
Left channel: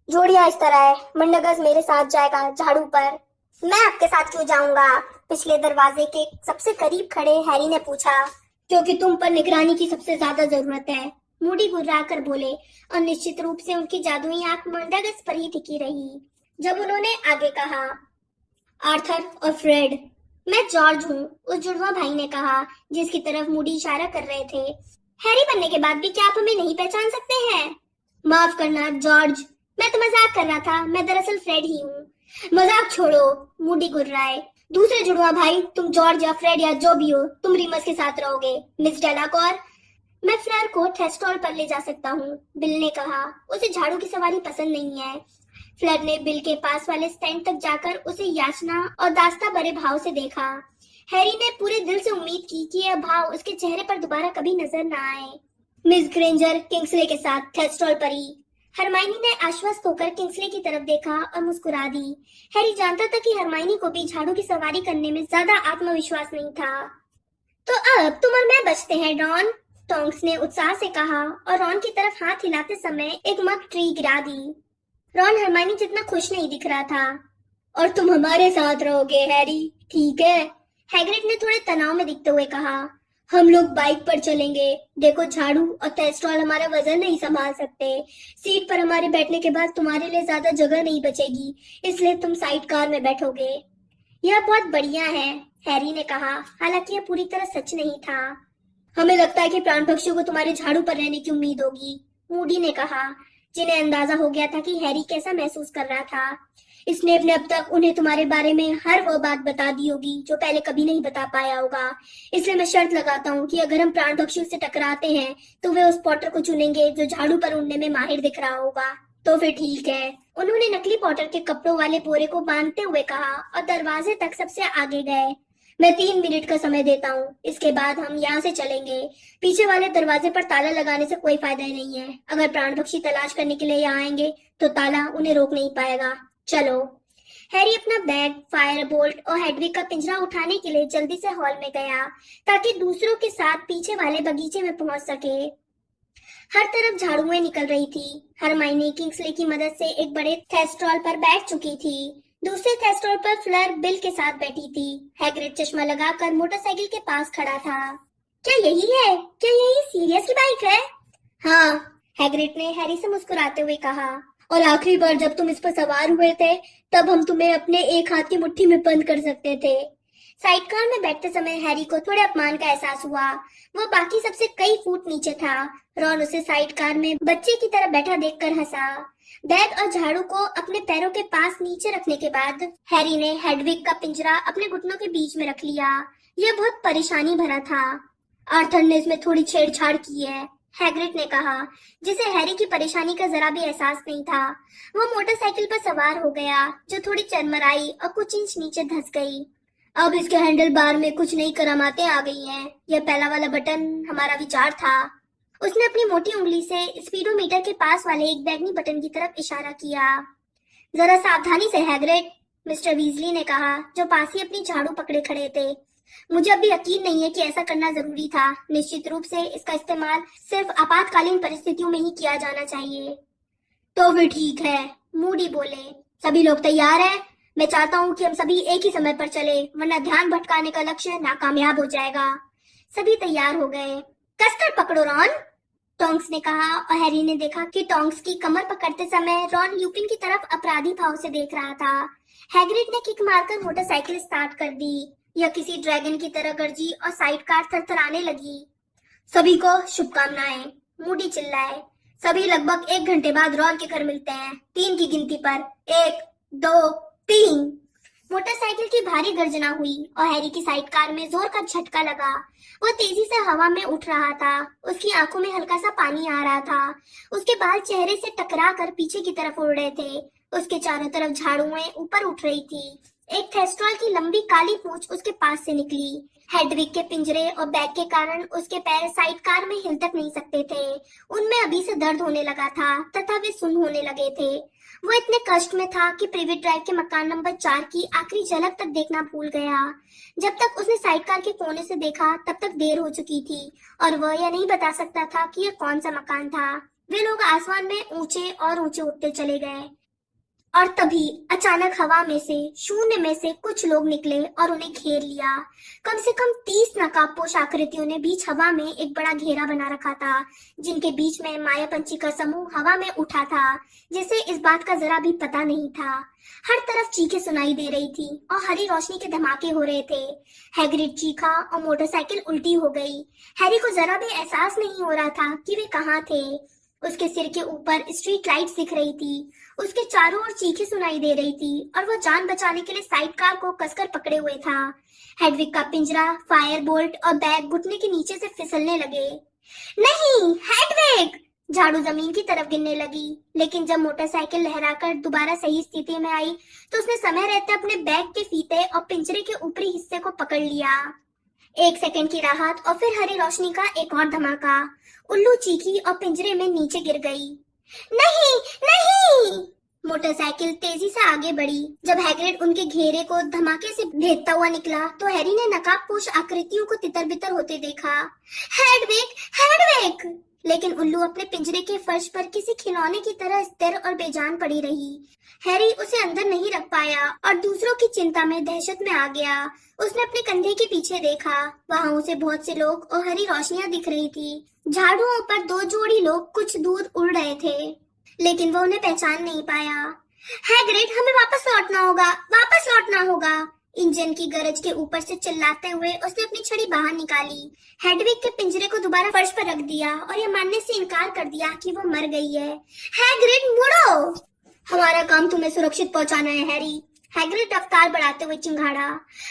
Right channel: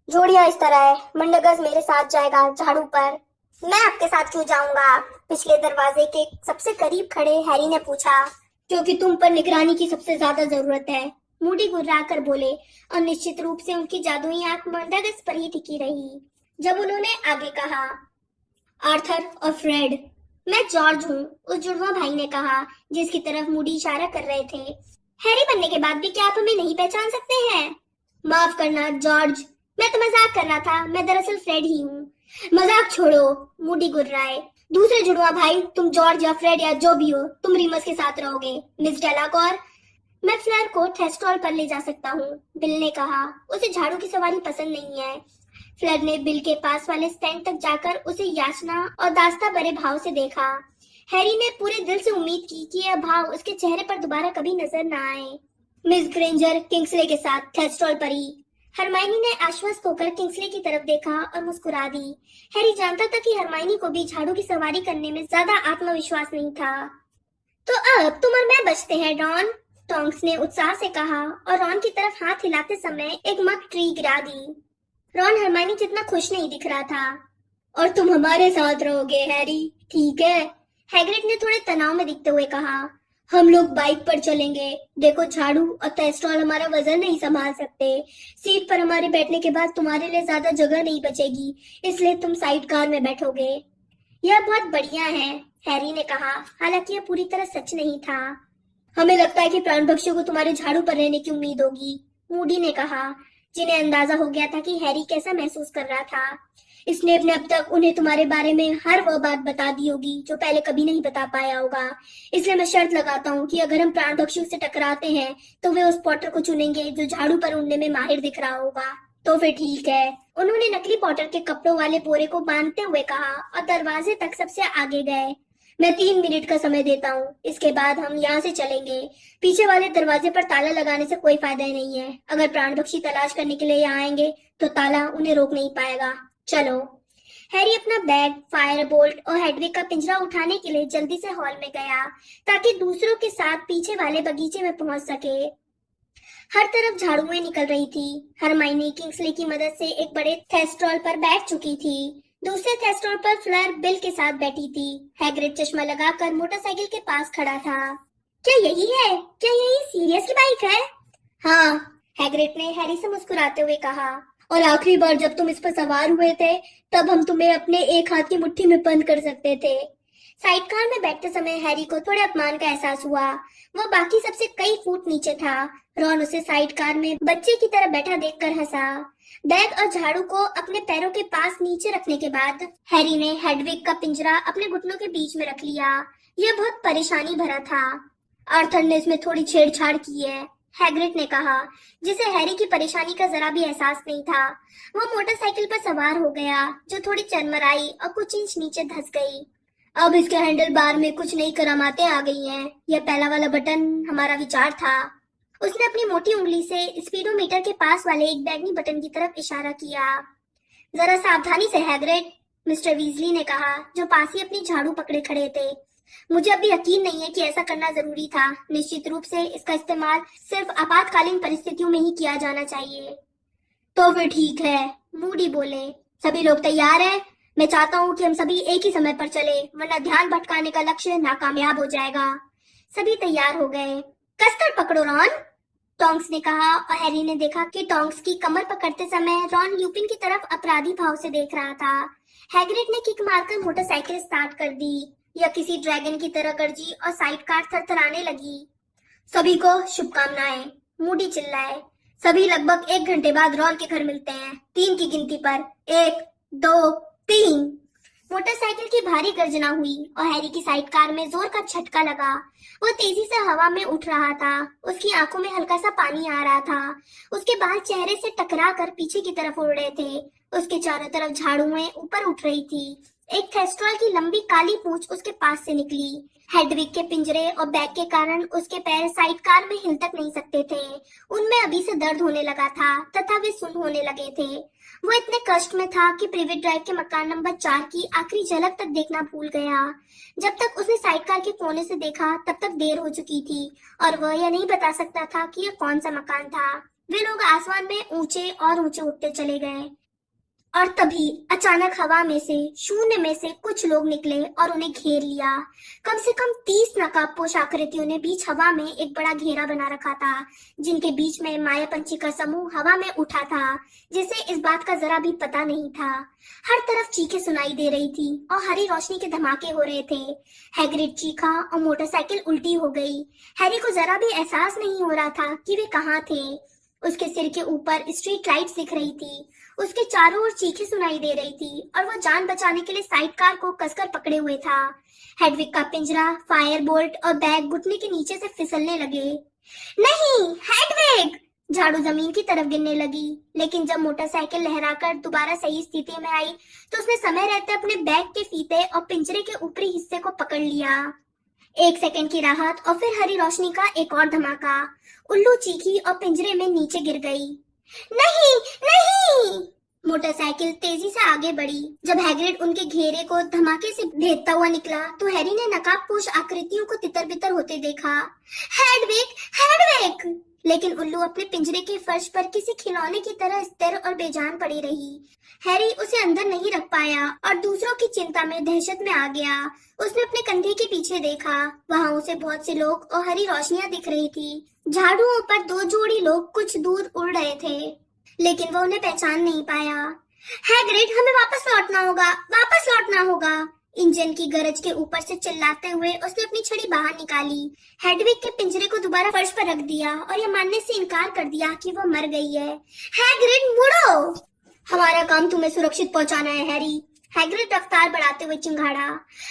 जोड़ियां इस तरह है, मंडगस मेरे साथ जाएगा झाड़ू पर। मैं आपके साथ क्यों जाऊंगा? पिछले दरवाजे के सबसे करीब खड़े हैरी ने पूछा। क्योंकि तुम पर निगरानी की सबसे ज्यादा जरूरत है, मूडी गुर्राकर बोले और निश्चित रूप से उनकी जादुई आंख मंडगस पर ही टिकी रही। जब उन्होंने आगे कहा, आर्थर और फ्रेड। मैं जॉर्ज हूँ, उस जुड़वा भाई ने कहा, जिसकी तरफ मूडी इशारा कर रहे थे। हैरी बनने के बाद भी क्या आप हमें नहीं पहचान सकते हैं? माफ करना जॉर्ज, मैं तो मजाक कर रहा था, मैं दरअसल फ्रेड ही हूँ। मजाक छोड़ो, मूडी गुर्राए। दूसरे जुड़वा भाई, तुम जॉर्ज या फ्रेड या जो भी हो, तुम रीमस के साथ रहोगे। मिस डेलाकॉर, मैं फ्लर को थेस्टोल पर ले जा सकता हूँ, बिल ने कहा। उसे झाड़ू की सवारी पसंद नहीं है। फ्लर ने बिल के पास वाले स्टैंड तक जाकर उसे याचना और दास्ता भरे भाव से देखा। हैरी ने पूरे दिल से उम्मीद की कि यह भाव उसके चेहरे पर दोबारा कभी नजर न आए। मिस ग्रेंजर किंग्सले के साथ थेस्टोल पर ही। हरमाइनी ने आश्वस्त होकर किंग्सले की तरफ देखा और मुस्कुरा दी। हैरी जानता था कि हरमाइनी को भी झाड़ू की सवारी करने में ज्यादा आत्मविश्वास नहीं था। तो अब तुम और मैं बचते हैं रॉन, टोंक्स ने उत्साह से कहा और रॉन की तरफ हाथ हिलाते समय एक मग ट्री गिरा दी। रॉन हरमाइनी जितना खुश नहीं दिख रहा था। और तुम हमारे साथ रहोगे हैरी, ठीक है? हैग्रिड ने थोड़े तनाव में दिखते हुए कहा। हम लोग बाइक पर चलेंगे। देखो, झाड़ू और थेस्टोल हमारा वजन नहीं संभाल सकते। सीट पर हमारे बैठने के बाद तुम्हारे लिए ज्यादा जगह नहीं बचेगी, इसलिए तुम साइड कार में बैठोगे। यह बहुत बढ़िया है, हैरी ने कहा, हालांकि यह पूरी तरह सच नहीं था। हमें लगता है कि प्राण पक्षियों को तुम्हारे झाड़ू पर रहने की उम्मीद होगी, मूडी ने कहा, जिन्हें अंदाजा हो गया था कि हैरी कैसा महसूस कर रहा था। स्नेप ने अब तक उन्हें तुम्हारे बारे में हर वो बात बता दी होगी जो पहले कभी नहीं बता पाया होगा। इसलिए मैं शर्त लगाता हूँ कि अगर हम प्राण पक्षियों से टकराते हैं तो वे उस पॉटर को चुनेंगे जो झाड़ू पर उड़ने में माहिर दिख रहा होगा। तो फिर ठीक है, उन्होंने नकली पॉटर के कपड़ों वाले बोरे को बांधते हुए कहा और दरवाजे तक सबसे आगे गए। मैं 3 मिनट का समय देता हूँ, इसके बाद हम यहाँ से चलेंगे। पीछे वाले दरवाजे पर ताला लगाने से कोई फायदा नहीं है। अगर प्राण पक्षी तलाश करने के लिए यहाँ आएंगे तो ताला उन्हें रोक नहीं पाएगा। चलो। हैरी अपना बैग, फायर बोल्ट और हेडविग का पिंजरा उठाने के लिए जल्दी से हॉल में गया ताकि दूसरों के साथ पीछे वाले बगीचे में पहुंच सके। हर तरफ झाड़ुएं निकल रही थी। हरमाइनी किंग्सले की मदद से एक बड़े थेस्टोल पर बैठ चुकी थी। दूसरे थेस्टोल पर फ्लर बिल के साथ बैठी थी। हैग्रिड चश्मा लगाकर मोटरसाइकिल के पास खड़ा था। क्या यही है? क्या यही सीरियस की बाइक है? हाँ, हैग्रिड ने हैरी से मुस्कुराते हुए कहा और आखिरी बार जब तुम इस पर सवार हुए थे तब हम तुम्हें अपने एक हाथ की मुट्ठी में बंद कर सकते थे। साइड कार में बैठते समय हैरी को थोड़े अपमान का एहसास हुआ। वो बाकी सबसे कई फुट नीचे था। रॉन उसे साइड कार में बच्चे की तरह बैठा देखकर हंसा। बैग और झाड़ू को अपने पैरों के पास नीचे रखने के बाद हैरी ने हेडविग का पिंजरा अपने घुटनों के बीच में रख लिया। यह बहुत परेशानी भरा था। आर्थर ने इसमें थोड़ी छेड़छाड़ की है, हैग्रिड ने कहा, जिसे हैरी की परेशानी का जरा भी एहसास नहीं था। वो मोटरसाइकिल पर सवार हो गया, जो थोड़ी चरमराई और कुछ इंच नीचे धंस गई। अब इसके हैंडल बार में कुछ नई करामातें आ गई हैं। यह पहला वाला बटन हमारा विचार था। उसने अपनी मोटी उंगली से स्पीडोमीटर के पास वाले एक बैगनी बटन की तरफ इशारा किया। जरा सावधानी से हैग्रिड, मिस्टर वीजली ने कहा, जो पास ही अपनी झाड़ू पकड़े खड़े थे। मुझे अभी यकीन नहीं है कि ऐसा करना जरूरी था। निश्चित रूप से इसका इस्तेमाल सिर्फ आपातकालीन परिस्थितियों में ही किया जाना चाहिए। तो फिर ठीक है, मूडी बोले। सभी लोग तैयार हैं? मैं चाहता हूँ कि हम सभी एक ही समय पर चले, वरना ध्यान भटकाने का लक्ष्य नाकामयाब हो जाएगा। सभी तैयार हो गए। कसकर पकड़ो रॉन, टोंक्स ने कहा, और हैरी ने देखा कि टोंक्स की कमर पकड़ते समय रॉन ल्यूपिन की तरफ अपराधी भाव से देख रहा था। हैग्रिड ने किक मारकर मोटरसाइकिल स्टार्ट कर दी। यह किसी ड्रैगन की तरह गरजी और साइड कार थरथराने लगी। सभी को शुभकामनाएं, मूडी चिल्लाए। सभी लगभग 1 घंटे बाद रॉन के घर मिलते हैं, 3 की गिनती पर। 1, 2, 3। मोटरसाइकिल की भारी गर्जना हुई और हैरी की साइड कार में जोर का झटका लगा। वो तेजी से हवा में उठ रहा था। उसकी आंखों में हल्का सा पानी आ रहा था। उसके बाल चेहरे से टकरा कर पीछे की तरफ उड़ रहे थे। उसके चारों तरफ झाड़ुएं ऊपर उठ रही थी। एक थेस्ट्रॉल की लंबी काली पूंछ उसके पास से निकली। हेडविग के पिंजरे और बैग के कारण उसके पैर साइड कार में हिल तक नहीं सकते थे। उनमें अभी से दर्द होने लगा था तथा वे सुन्न होने लगे थे। वो इतने कष्ट में था कि प्रिवेट ड्राइव के मकान नंबर 4 की आखिरी झलक तक देखना भूल गया। जब तक उसने साइड कार के कोने से देखा तब तक देर हो चुकी थी और वह यह नहीं बता सकता था कि यह कौन सा मकान था। वे लोग आसमान में ऊंचे और ऊंचे उठते चले गए और तभी अचानक हवा में से, शून्य में से कुछ लोग निकले और उन्हें घेर लिया। कम से कम 30 नकाबपोश आकृतियों ने बीच हवा में एक बड़ा घेरा बना रखा था, जिनके बीच में मायापंछी का समूह हवा में उठा था, जिसे इस बात का जरा भी पता नहीं था। हर तरफ चीखें सुनाई दे रही थी और हरी रोशनी के धमाके हो रहे थे। हैग्रिड चीखा और मोटरसाइकिल उल्टी हो गई। हैरी को जरा भी एहसास नहीं हो रहा था कि वे कहाँ थे। उसके सिर के ऊपर स्ट्रीट लाइट्स दिख रही थी। उसके चारों ओर चीखें सुनाई दे रही थी और वह जान बचाने के लिए साइड कार को कसकर पकड़े हुए था। हेडविग का पिंजरा, फायर बोल्ट और बैग घुटने के नीचे से फिसलने लगे। नहीं, हेडविग! झाड़ू जमीन की तरफ गिरने लगी, लेकिन जब मोटरसाइकिल लहराकर दोबारा सही स्थिति में आई तो उसने समय रहते अपने बैग के फीते और पिंजरे के ऊपरी हिस्से को पकड़ लिया। 1 सेकंड की राहत और फिर हरी रोशनी का एक और धमाका। उल्लू चीखी और पिंजरे में नीचे गिर गई। नहीं, नहीं! मोटरसाइकिल तेजी से आगे बढ़ी। जब हैग्रिड उनके घेरे को धमाके से भेदता हुआ निकला तो हैरी ने नकाबपोश आकृतियों को तितर-बितर होते देखा। Hedwig, Hedwig! लेकिन उल्लू अपने पिंजरे के फर्श पर किसी खिलौने की तरह स्थिर और बेजान पड़ी रही। हैरी उसे अंदर नहीं रख पाया और दूसरों की चिंता में दहशत में आ गया। उसने अपने कंधे के पीछे देखा। वहां उसे बहुत से लोग और हरी रोशनियां दिख रही थी। झाड़ुओं पर 2 जोड़ी लोग कुछ दूर उड़ रहे थे, लेकिन वो उन्हें पहचान नहीं पाया। हैग्रिड, हमें वापस लौटना होगा, वापस लौटना होगा! इंजन की गरज के ऊपर से चिल्लाते हुए उसने अपनी छड़ी बाहर निकाली। हेडविग के पिंजरे को दोबारा फर्श पर रख दिया और यह मानने से इनकार कर दिया कि वो मर गई है। हैग्रिड, मुड़ो! हमारा काम तुम्हें सुरक्षित पहुंचाना है, हैरी। हैग्रिड रफ्तार बढ़ाते हुए चिंघाड़ा।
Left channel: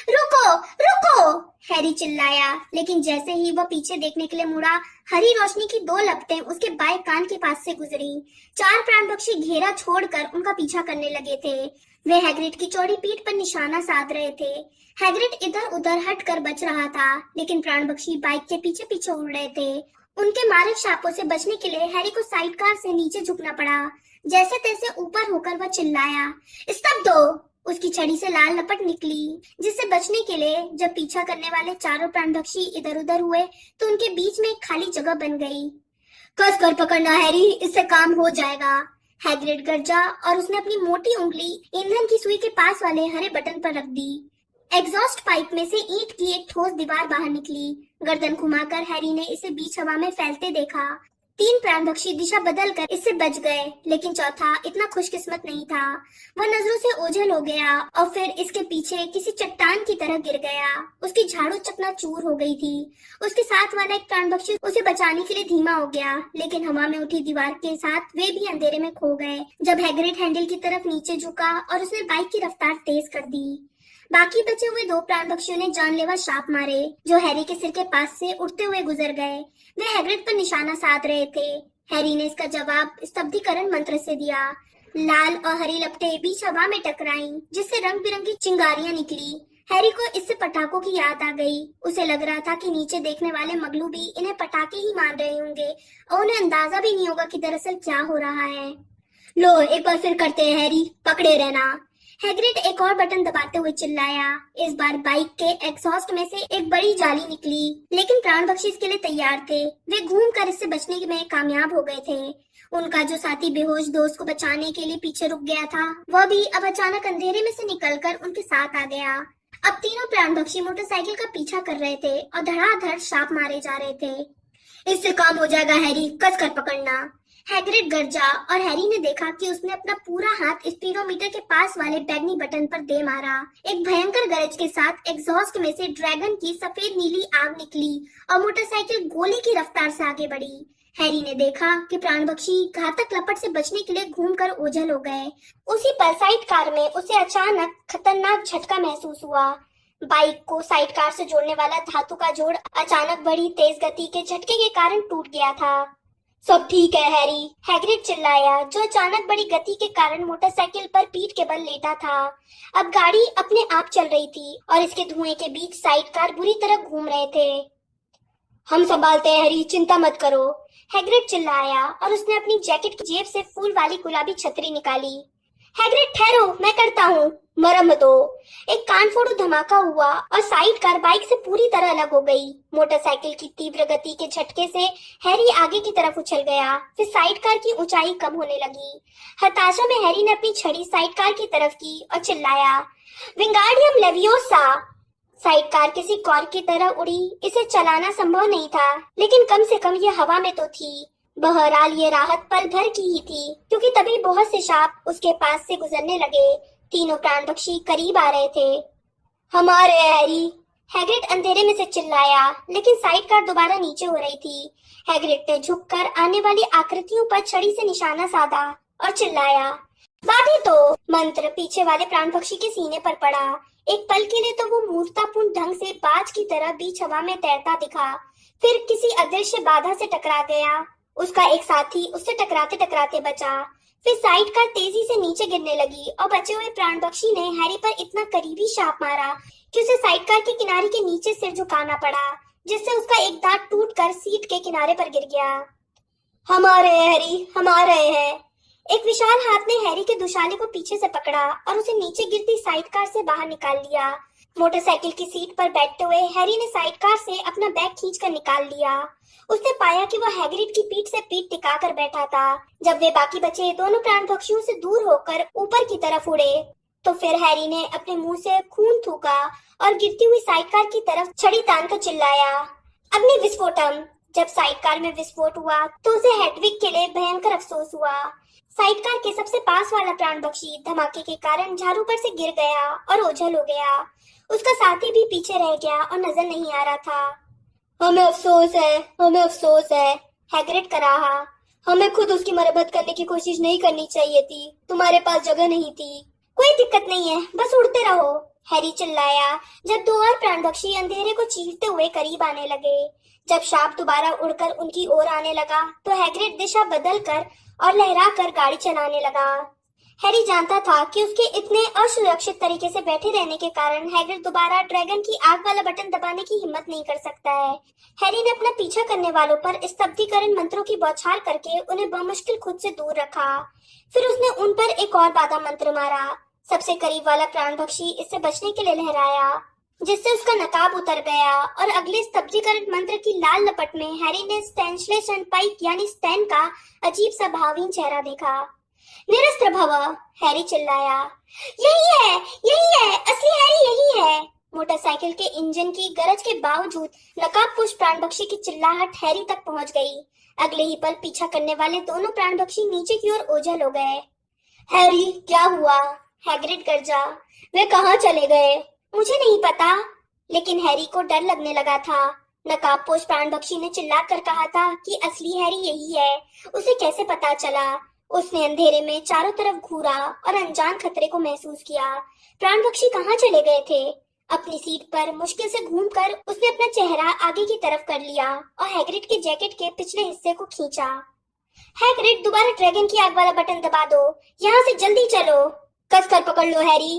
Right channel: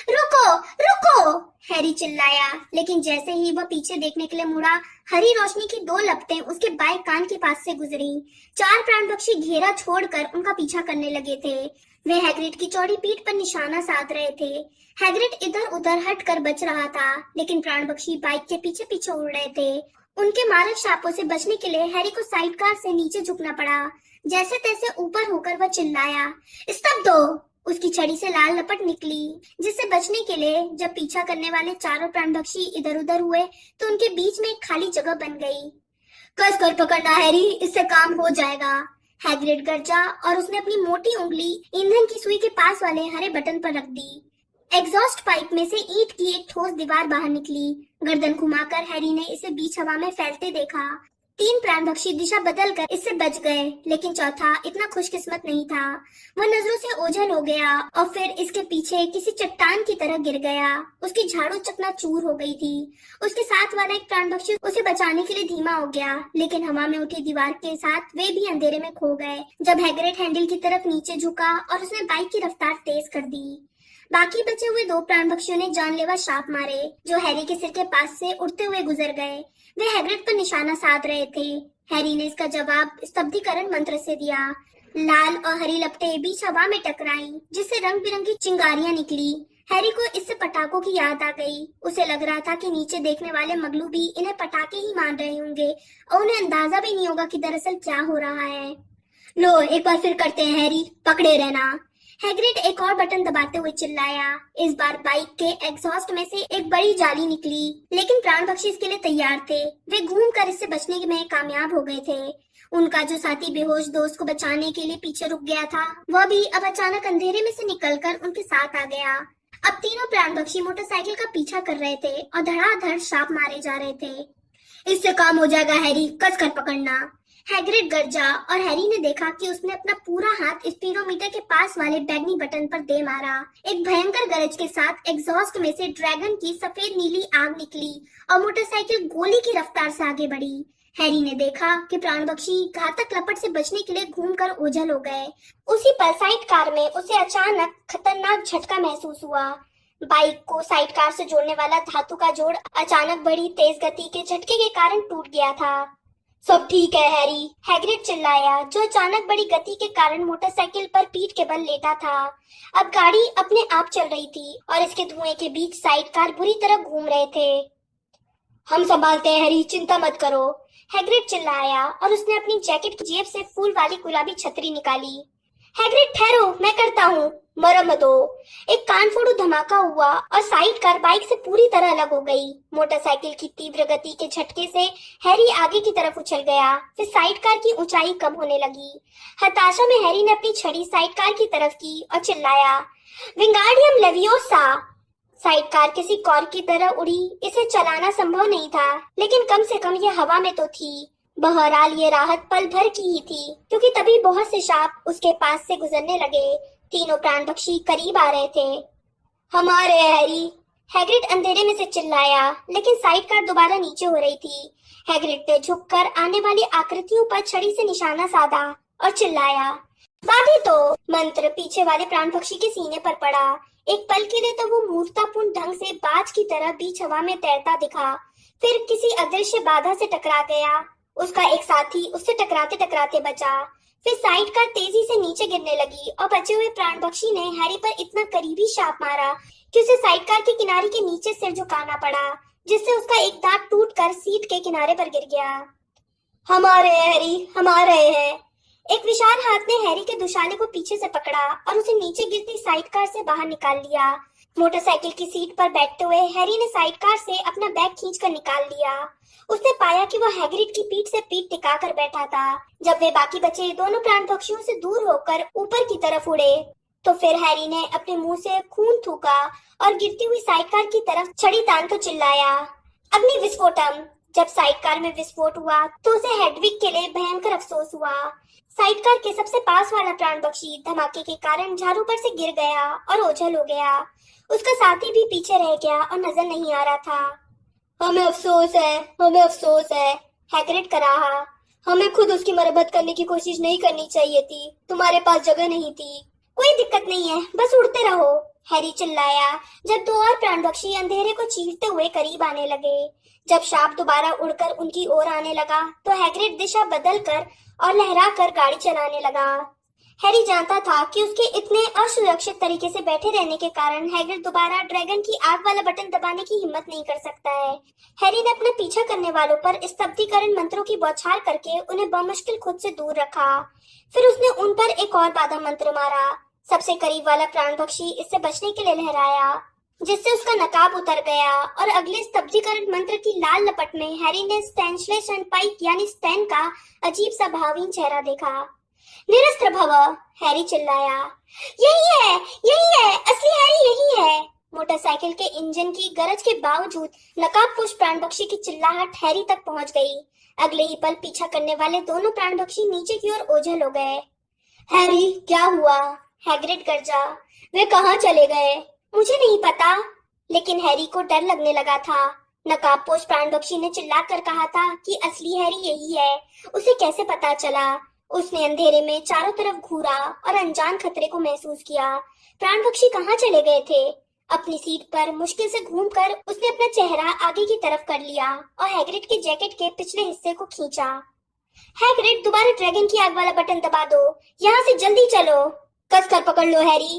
रुको, रुको! हैरी चिल्लाया, लेकिन जैसे ही वह पीछे देखने के लिए मुड़ा, हरी रोशनी की 2 लपटें उसके बाएं कान के पास से गुजरी। 4 प्राणपक्षी घेरा छोड़कर उनका पीछा करने लगे थे। वे हैग्रिड की चौड़ी पीठ पर निशाना साध रहे थे। हैग्रिड इधर-उधर हटकर बच रहा था, लेकिन प्राणपक्षी बाइक के पीछे पीछे उड़ रहे थे। उनके मारक शापों से बचने के लिए हैरी को साइड कार से नीचे झुकना पड़ा। जैसे तैसे ऊपर होकर वह चिल्लाया, स्तब्ध हो! उसकी छड़ी से लाल लपट निकली, जिससे बचने के लिए जब पीछा करने वाले चारों प्राणपक्षी इधर-उधर हुए तो उनके बीच में एक खाली जगह बन गई। कसकर पकड़ना हैरी, इससे काम हो जाएगा। हैग्रिड गरजा और उसने अपनी मोटी उंगली ईंधन की सुई के पास वाले हरे बटन पर रख दी। एग्जॉस्ट पाइप में से ईंट की एक ठोस दीवार बाहर निकली। गर्दन घुमाकर हैरी ने इसे बीच हवा में फैलते देखा। तीन प्राणपक्षी दिशा बदलकर इससे बच गए, लेकिन चौथा इतना खुशकिस्मत नहीं था। वह नजरों से ओझल हो गया और फिर इसके पीछे किसी चट्टान की तरह गिर गया। उसकी झाड़ू चकनाचूर हो गई थी। उसके साथ वाला एक प्राणपक्षी उसे बचाने के लिए धीमा हो गया, लेकिन हवा में उठी दीवार के साथ वे भी अंधेरे में खो गए। जब हैग्रिड हैंडल की तरफ नीचे झुका और उसने बाइक की रफ्तार तेज कर दी। बाकी बचे हुए दो प्राणपक्षियों ने जानलेवा शाप मारे जो हैरी के सिर के पास से उड़ते हुए गुजर गए। वे हैग्रिड पर निशाना साध रहे थे। हैरी ने इसका जवाब स्तब्धीकरण मंत्र से दिया। लाल और हरी लपटें बीच हवा में टकराईं, जिससे रंग बिरंगी चिंगारियां निकली। हैरी को इससे पटाखों की याद आ गई। उसे लग रहा था कि नीचे देखने वाले मगलू भी इन्हें पटाखे ही मान रहे होंगे और उन्हें अंदाजा भी नहीं होगा कि दरअसल क्या हो रहा है। लो, एक बार फिर करते हैं हैरी, पकड़े रहना। हैग्रिड एक और बटन दबाते हुए चिल्लाया। इस बार बाइक के एग्जॉस्ट में से एक बड़ी जाली निकली, लेकिन प्राणपक्षी इसके लिए तैयार थे। वे घूमकर इससे बचने में कामयाब हो गए थे। उनका जो साथी बेहोश दोस्त को बचाने के लिए पीछे रुक गया था, वह भी अब अचानक अंधेरे में से निकलकर उनके साथ आ गया। अब तीनों प्राणपक्षी मोटरसाइकिल का पीछा कर रहे थे और धड़ाधड़ शाप मारे जा रहे थे। इससे काम हो जाएगा हैरी, कसकर पकड़ना। हैग्रिड गरजा और हैरी ने देखा कि उसने अपना पूरा हाथ स्पीडोमीटर के पास वाले बैगनी बटन पर दे मारा। एक भयंकर गरज के साथ एग्जॉस्ट में से ड्रैगन की सफेद नीली आग निकली और मोटरसाइकिल गोली की रफ्तार से आगे बढ़ी। हैरी ने देखा कि प्राणपक्षी घातक लपट से बचने के लिए घूमकर ओझल हो गए। उसी पल साइड कार में उसे अचानक खतरनाक झटका महसूस हुआ। बाइक को साइड कार से जोड़ने वाला धातु का जोड़ अचानक बड़ी तेज गति के झटके के कारण टूट गया था। सब ठीक है हैरी, हैग्रिड चिल्लाया, जो अचानक बड़ी गति के कारण मोटरसाइकिल पर पीठ के बल लेटा था। अब गाड़ी अपने आप चल रही थी और इसके धुएं के बीच साइड कार बुरी तरह घूम रहे थे। हम संभालते हैं हैरी, चिंता मत करो, हैग्रिड चिल्लाया और उसने अपनी जैकेट की जेब से फूल वाली गुलाबी छतरी निकाली। हैग्रिड ठहरो, मैं करता हूँ, मरम दो। एक कानफोड़ू धमाका हुआ और साइड कार बाइक से पूरी तरह अलग हो गई। मोटरसाइकिल की तीव्र गति के झटके से हैरी आगे की तरफ उछल गया। फिर साइड कार की ऊंचाई कम होने लगी। हताशा में हैरी ने अपनी छड़ी साइड कार की तरफ की और चिल्लाया, विंगार्डियम लेवियोसा। साइड कार किसी कॉर्क की तरह उड़ी। इसे चलाना संभव नहीं था, लेकिन कम से कम ये हवा में तो थी। बहरहाल ये राहत पल भर की ही थी, क्योंकि तभी बहुत से सांप उसके पास से गुजरने लगे। तीनों प्राणपक्षी करीब आ रहे थे। हमारे हैरी, हैग्रिड अंधेरे में से चिल्लाया, लेकिन साइड कार दोबारा नीचे हो रही थी। हैग्रिड ने झुककर आने वाली आकृतियों पर छड़ी से निशाना साधा और चिल्लाया, बाधी तो। मंत्र पीछे वाले प्राणपक्षी के सीने पर पड़ा। एक पल के लिए तो वो मूर्खतापूर्ण ढंग से बाज की तरह बीच हवा में तैरता दिखा, फिर किसी अदृश्य बाधा से टकरा गया। उसका एक साथी उससे टकराते टकराते बचा। फिर साइड कार तेजी से नीचे गिरने लगी और बचे हुए प्राणपक्षी ने हैरी पर इतना करीबी शाप मारा कि उसे साइड कार के किनारे के नीचे सिर झुकाना पड़ा, जिससे उसका एक दांत टूटकर सीट के किनारे पर गिर गया। हम आ रहे हैं हैरी, हम आ रहे हैं। एक विशाल हाथ ने हैरी के दुशाले को पीछे से पकड़ा और उसे नीचे गिरती साइड कार से बाहर निकाल लिया। मोटरसाइकिल की सीट पर बैठते हुए हैरी ने साइड कार से अपना बैग खींचकर निकाल लिया। उसने पाया कि वह हैग्रिड की पीठ से पीठ टिकाकर बैठा था। जब वे बाकी बचे दोनों प्राणपक्षियों से दूर होकर ऊपर की तरफ उड़े, तो फिर हैरी ने अपने मुंह से खून थूका और गिरती हुई साइड कार की तरफ छड़ी तान कर चिल्लाया, अग्नि विस्फोटम। जब साइड कार में विस्फोट हुआ तो उसे हेडविग के लिए भयंकर अफसोस हुआ। साइड कार के सबसे पास वाला प्राणपक्षी धमाके के कारण झाड़ू पर से गिर गया और ओझल हो गया। उसका साथी भी पीछे रह गया और नजर नहीं आ रहा था। हमें अफसोस है, हमें अफसोस है, हैग्रिड कराहा। हमें खुद उसकी मरम्मत करने की कोशिश नहीं करनी चाहिए थी। तुम्हारे पास जगह नहीं थी। कोई दिक्कत नहीं है, बस उड़ते रहो, हैरी चिल्लाया जब दो और प्राणपक्षी अंधेरे को चीरते हुए करीब आने लगे। जब शाप दोबारा उड़कर उनकी ओर आने लगा तो हैग्रिड दिशा बदलकर और लहराकर गाड़ी चलाने लगा। हैरी जानता था कि उसके इतने असुरक्षित तरीके से बैठे रहने के कारण हैग्रिड दोबारा ड्रैगन की आग वाला बटन दबाने की हिम्मत नहीं कर सकता है। हैरी ने अपना पीछा करने वालों पर स्तब्धीकरण मंत्रों की बौछार करके उन्हें बमुश्किल खुद से दूर रखा। फिर उसने उन पर एक और बाधा मंत्र मारा। सबसे करीब वाला प्राणपक्षी इससे बचने के लिए लहराया, जिससे उसका नकाब उतर गया और अगले स्तब्धीकरण मंत्र की लाल लपट में हैरी ने स्टैंशलेशन पाइक यानी स्टैन का अजीब सा भावहीन चेहरा देखा। निरस्त्र भव, हैरी चिल्लाया, यही है, असली हैरी यही है। मोटरसाइकिल के इंजन की गरज के बावजूद नकाबपोश प्राणपक्षी की चिल्लाहट हैरी तक पहुंच गई। अगले ही पल पीछा करने वाले दोनों प्राणपक्षी नीचे की ओर ओझल हो गए। हैरी, क्या हुआ? हैग्रिड गरजा। वे कहाँ चले गए? मुझे नहीं पता, लेकिन हैरी को डर लगने लगा था। नकाबपोश प्राणपक्षी ने चिल्लाकर कहा था कि असली हैरी यही है। उसे कैसे पता चला? उसने अंधेरे में चारों तरफ घूरा और अनजान खतरे को महसूस किया। प्राणपक्षी कहाँ चले गए थे? अपनी सीट पर मुश्किल से घूमकर उसने अपना चेहरा आगे की तरफ कर लिया और हैग्रिड के जैकेट के पिछले हिस्से को खींचा। हैग्रिड, दोबारा ड्रैगन की आग वाला बटन दबा दो। यहाँ से जल्दी चलो। कसकर पकड़ लो हैरी।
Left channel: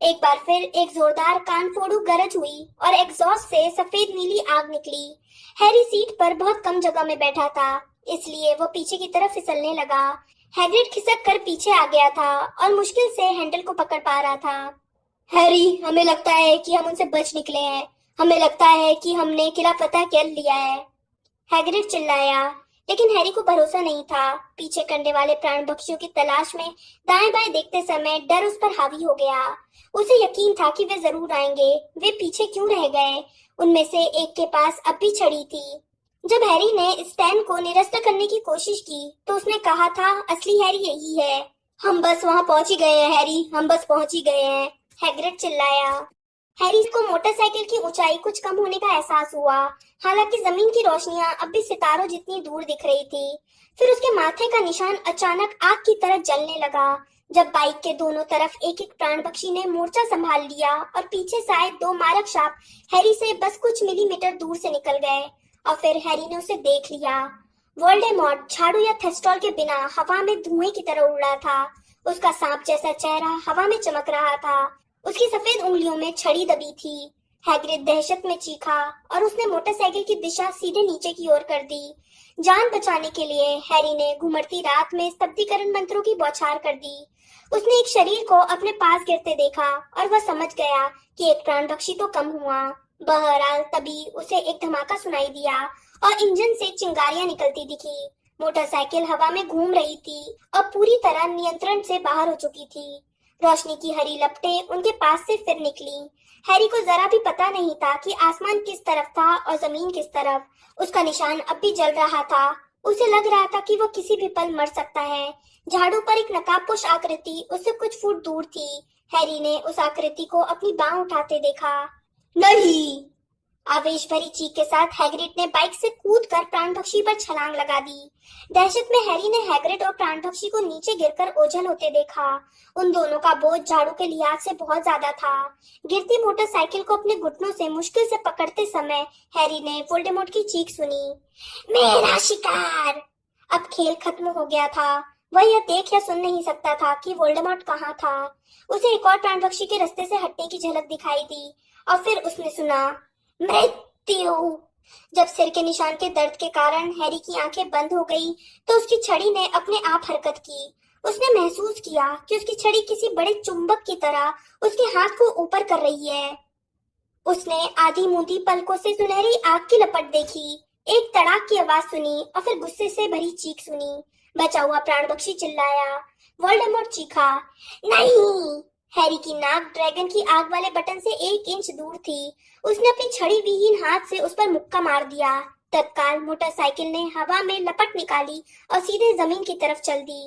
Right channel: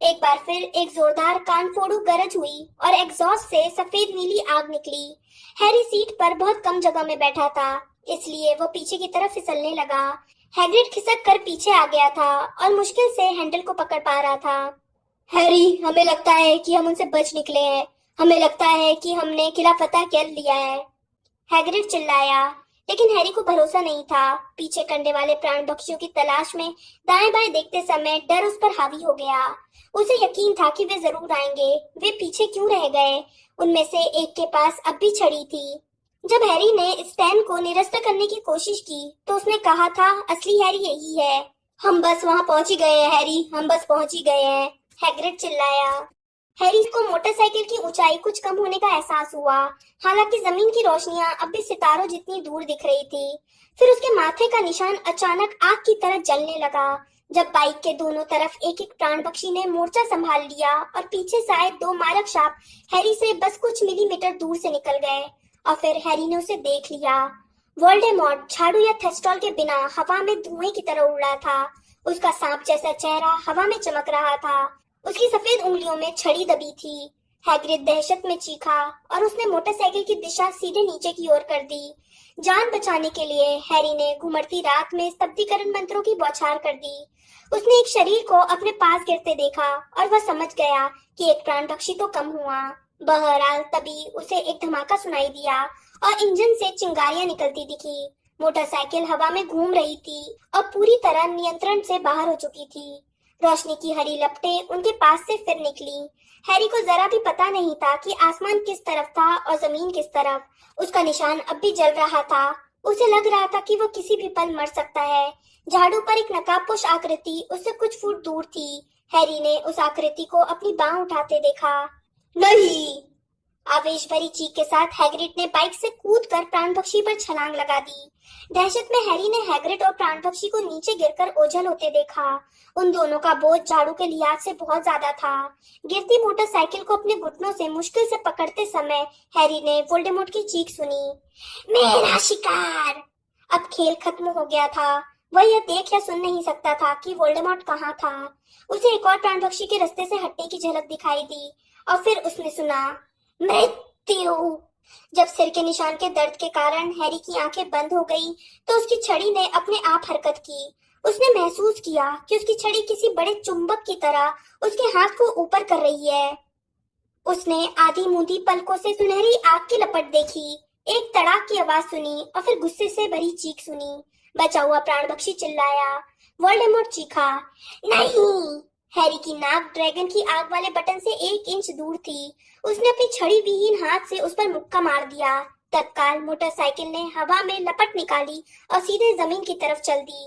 एक बार फिर एक जोरदार कान फोड़ू गरज हुई और एग्जॉस्ट से सफेद नीली आग निकली। हैरी सीट पर बहुत कम जगह में बैठा था, इसलिए वो पीछे की तरफ फिसलने लगा। हैग्रिड खिसक कर पीछे आ गया था और मुश्किल से हैंडल को पकड़ पा रहा था। हैरी, हमें लगता है कि हम उनसे बच निकले हैं। हमें लगता है कि हमने किला फतह कर लिया है। हैग्रिड चिल्लाया, लेकिन हैरी को भरोसा नहीं था। पीछे करने वाले प्राण पक्षियों की तलाश में दाएं बाएं देखते समय डर उस पर हावी हो गया। उसे यकीन था कि वे जरूर आएंगे। वे पीछे क्यों रह गए? उनमें से एक के पास अब भी छड़ी थी। जब हैरी ने स्टैन को निरस्त करने की कोशिश की तो उसने कहा था, असली हैरी यही है। हम बस वहां पहुंच ही गए हैं हैरी, हम बस पहुंच ही गए हैं। हैग्रिड चिल्लाया। हैरी को मोटरसाइकिल की ऊंचाई कुछ कम होने का एहसास हुआ। हालांकि जमीन की रोशनियां अब भी सितारों जितनी दूर दिख रही थी। फिर उसके माथे का निशान अचानक आग की तरह जलने लगा। जब बाइक के दोनों तरफ एक एक प्राण पक्षी ने मोर्चा संभाल लिया और पीछे से आए दो मारक सांप हैरी से बस कुछ मिलीमीटर दूर से निकल गए और फिर हैरी ने उसे देख लिया। वोल्डेमॉर्ट झाड़ू या थेस्टॉल के बिना हवा में धुएं की तरह उड़ रहा था। उसका सांप जैसा चेहरा हवा में चमक रहा था। उसकी सफेद उंगलियों में छड़ी दबी थी। हैग्रिड दहशत में चीखा और उसने मोटरसाइकिल की दिशा सीधे नीचे की ओर कर दी। जान बचाने के लिए हैरी ने घुमड़ती रात में स्तब्धीकरण मंत्रों की बौछार कर दी। उसने एक शरीर को अपने पास गिरते देखा और वह समझ गया कि एक प्राण पक्षी तो कम हुआ। बहरहाल तभी उसे एक धमाका सुनाई दिया और इंजन से चिंगारियां निकलती दिखी। मोटरसाइकिल हवा में घूम रही थी और पूरी तरह नियंत्रण से बाहर हो चुकी थी। रोशनी की हरी लपटें उनके पास से फिर निकली। हैरी को जरा भी पता नहीं था कि आसमान किस तरफ था और जमीन किस तरफ। उसका निशान अब भी जल रहा था। उसे लग रहा था कि वो किसी भी पल मर सकता है। झाड़ू पर एक नकाबपोश आकृति उससे कुछ फुट दूर थी। हैरी ने उस आकृति को अपनी बांह उठाते देखा। नहीं! आवेश भरी चीख के साथ हैग्रिड ने बाइक से कूदकर प्राणपक्षी पर छलांग लगा दी। दहशत में हैरी ने हैग्रिड और प्राणपक्षी को नीचे गिरकर ओझल होते देखा। उन दोनों का बोझ झाड़ू के लिहाज से बहुत ज्यादा था। गिरती मोटरसाइकिल को अपने घुटनों से मुश्किल से पकड़ते समय हैरी ने वोल्डेमॉर्ट की चीख सुनी, मेरा शिकार! अब खेल खत्म हो गया था। वह यह देख या सुन नहीं सकता था कि वोल्डेमॉर्ट कहाँ था। उसे एक और प्राणपक्षी के रास्ते से हटने की झलक दिखाई दी और फिर उसने सुना, मृत्यु। जब सिर के निशान के दर्द के कारण हैरी की आंखें बंद हो गई तो उसकी छड़ी ने अपने आप हरकत की। उसने महसूस किया कि उसकी छड़ी किसी बड़े चुंबक की तरह उसके हाथ को ऊपर कर रही है। उसने आधी मूंदी पलकों से सुनहरी आग की लपट देखी, एक तड़ाक की आवाज सुनी और फिर गुस्से से भरी चीख सुनी। बचा हुआ प्राणपक्षी चिल्लाया। वोल्डेमॉर्ट चीखा, नहीं! हैरी की नाक ड्रैगन की आग वाले बटन से 1 इंच दूर थी। उसने अपनी छड़ी विहीन हाथ से उस पर मुक्का मार दिया। तत्काल मोटरसाइकिल ने हवा में लपट निकाली और सीधे जमीन की तरफ चल दी।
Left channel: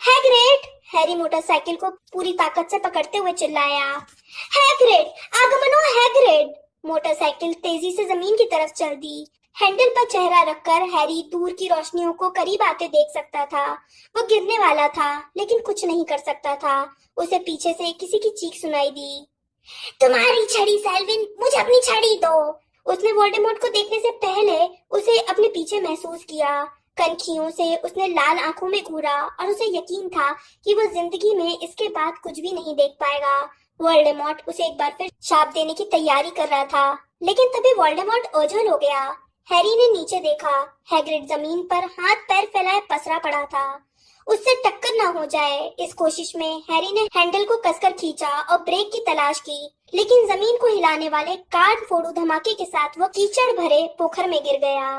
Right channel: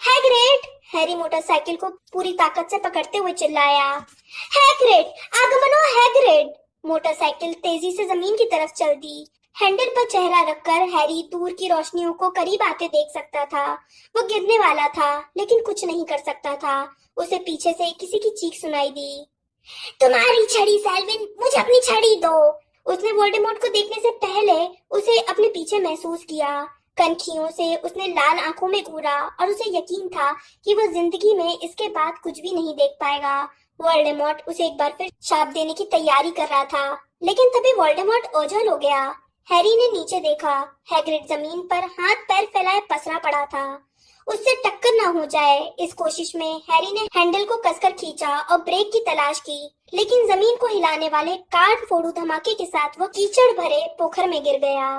हैग्रिड! हैरी मोटरसाइकिल को पूरी ताकत से पकड़ते हुए चिल्लाया। हैग्रिड! आगमनो हैग्रिड! मोटरसाइकिल तेजी से जमीन की तरफ चल दी। हैंडल पर चेहरा रखकर हैरी दूर की रोशनियों को करीब आते देख सकता था। वो गिरने वाला था लेकिन कुछ नहीं कर सकता था। उसे पीछे से किसी की चीख सुनाई दी, तुम्हारी छड़ी सेल्विन, मुझे अपनी छड़ी दो। उसने वोल्डेमॉर्ट को देखने से पहले उसे अपने पीछे महसूस किया। कनखियों से उसने लाल आंखों में घूरा और उसे यकीन था कि वो जिंदगी में इसके बाद कुछ भी नहीं देख पाएगा। वोल्डेमॉर्ट उसे एक बार फिर शाप देने की तैयारी कर रहा था, लेकिन तभी वोल्डेमॉर्ट ओझल हो गया। हैरी ने नीचे देखा। हैग्रिड जमीन पर हाथ पैर फैलाए पसरा पड़ा था। उससे टक्कर ना हो जाए इस कोशिश में हैरी ने हैंडल को कसकर खींचा और ब्रेक की तलाश की, लेकिन जमीन को हिलाने वाले कान फोड़ू धमाके के साथ वो कीचड़ भरे पोखर में गिर गया।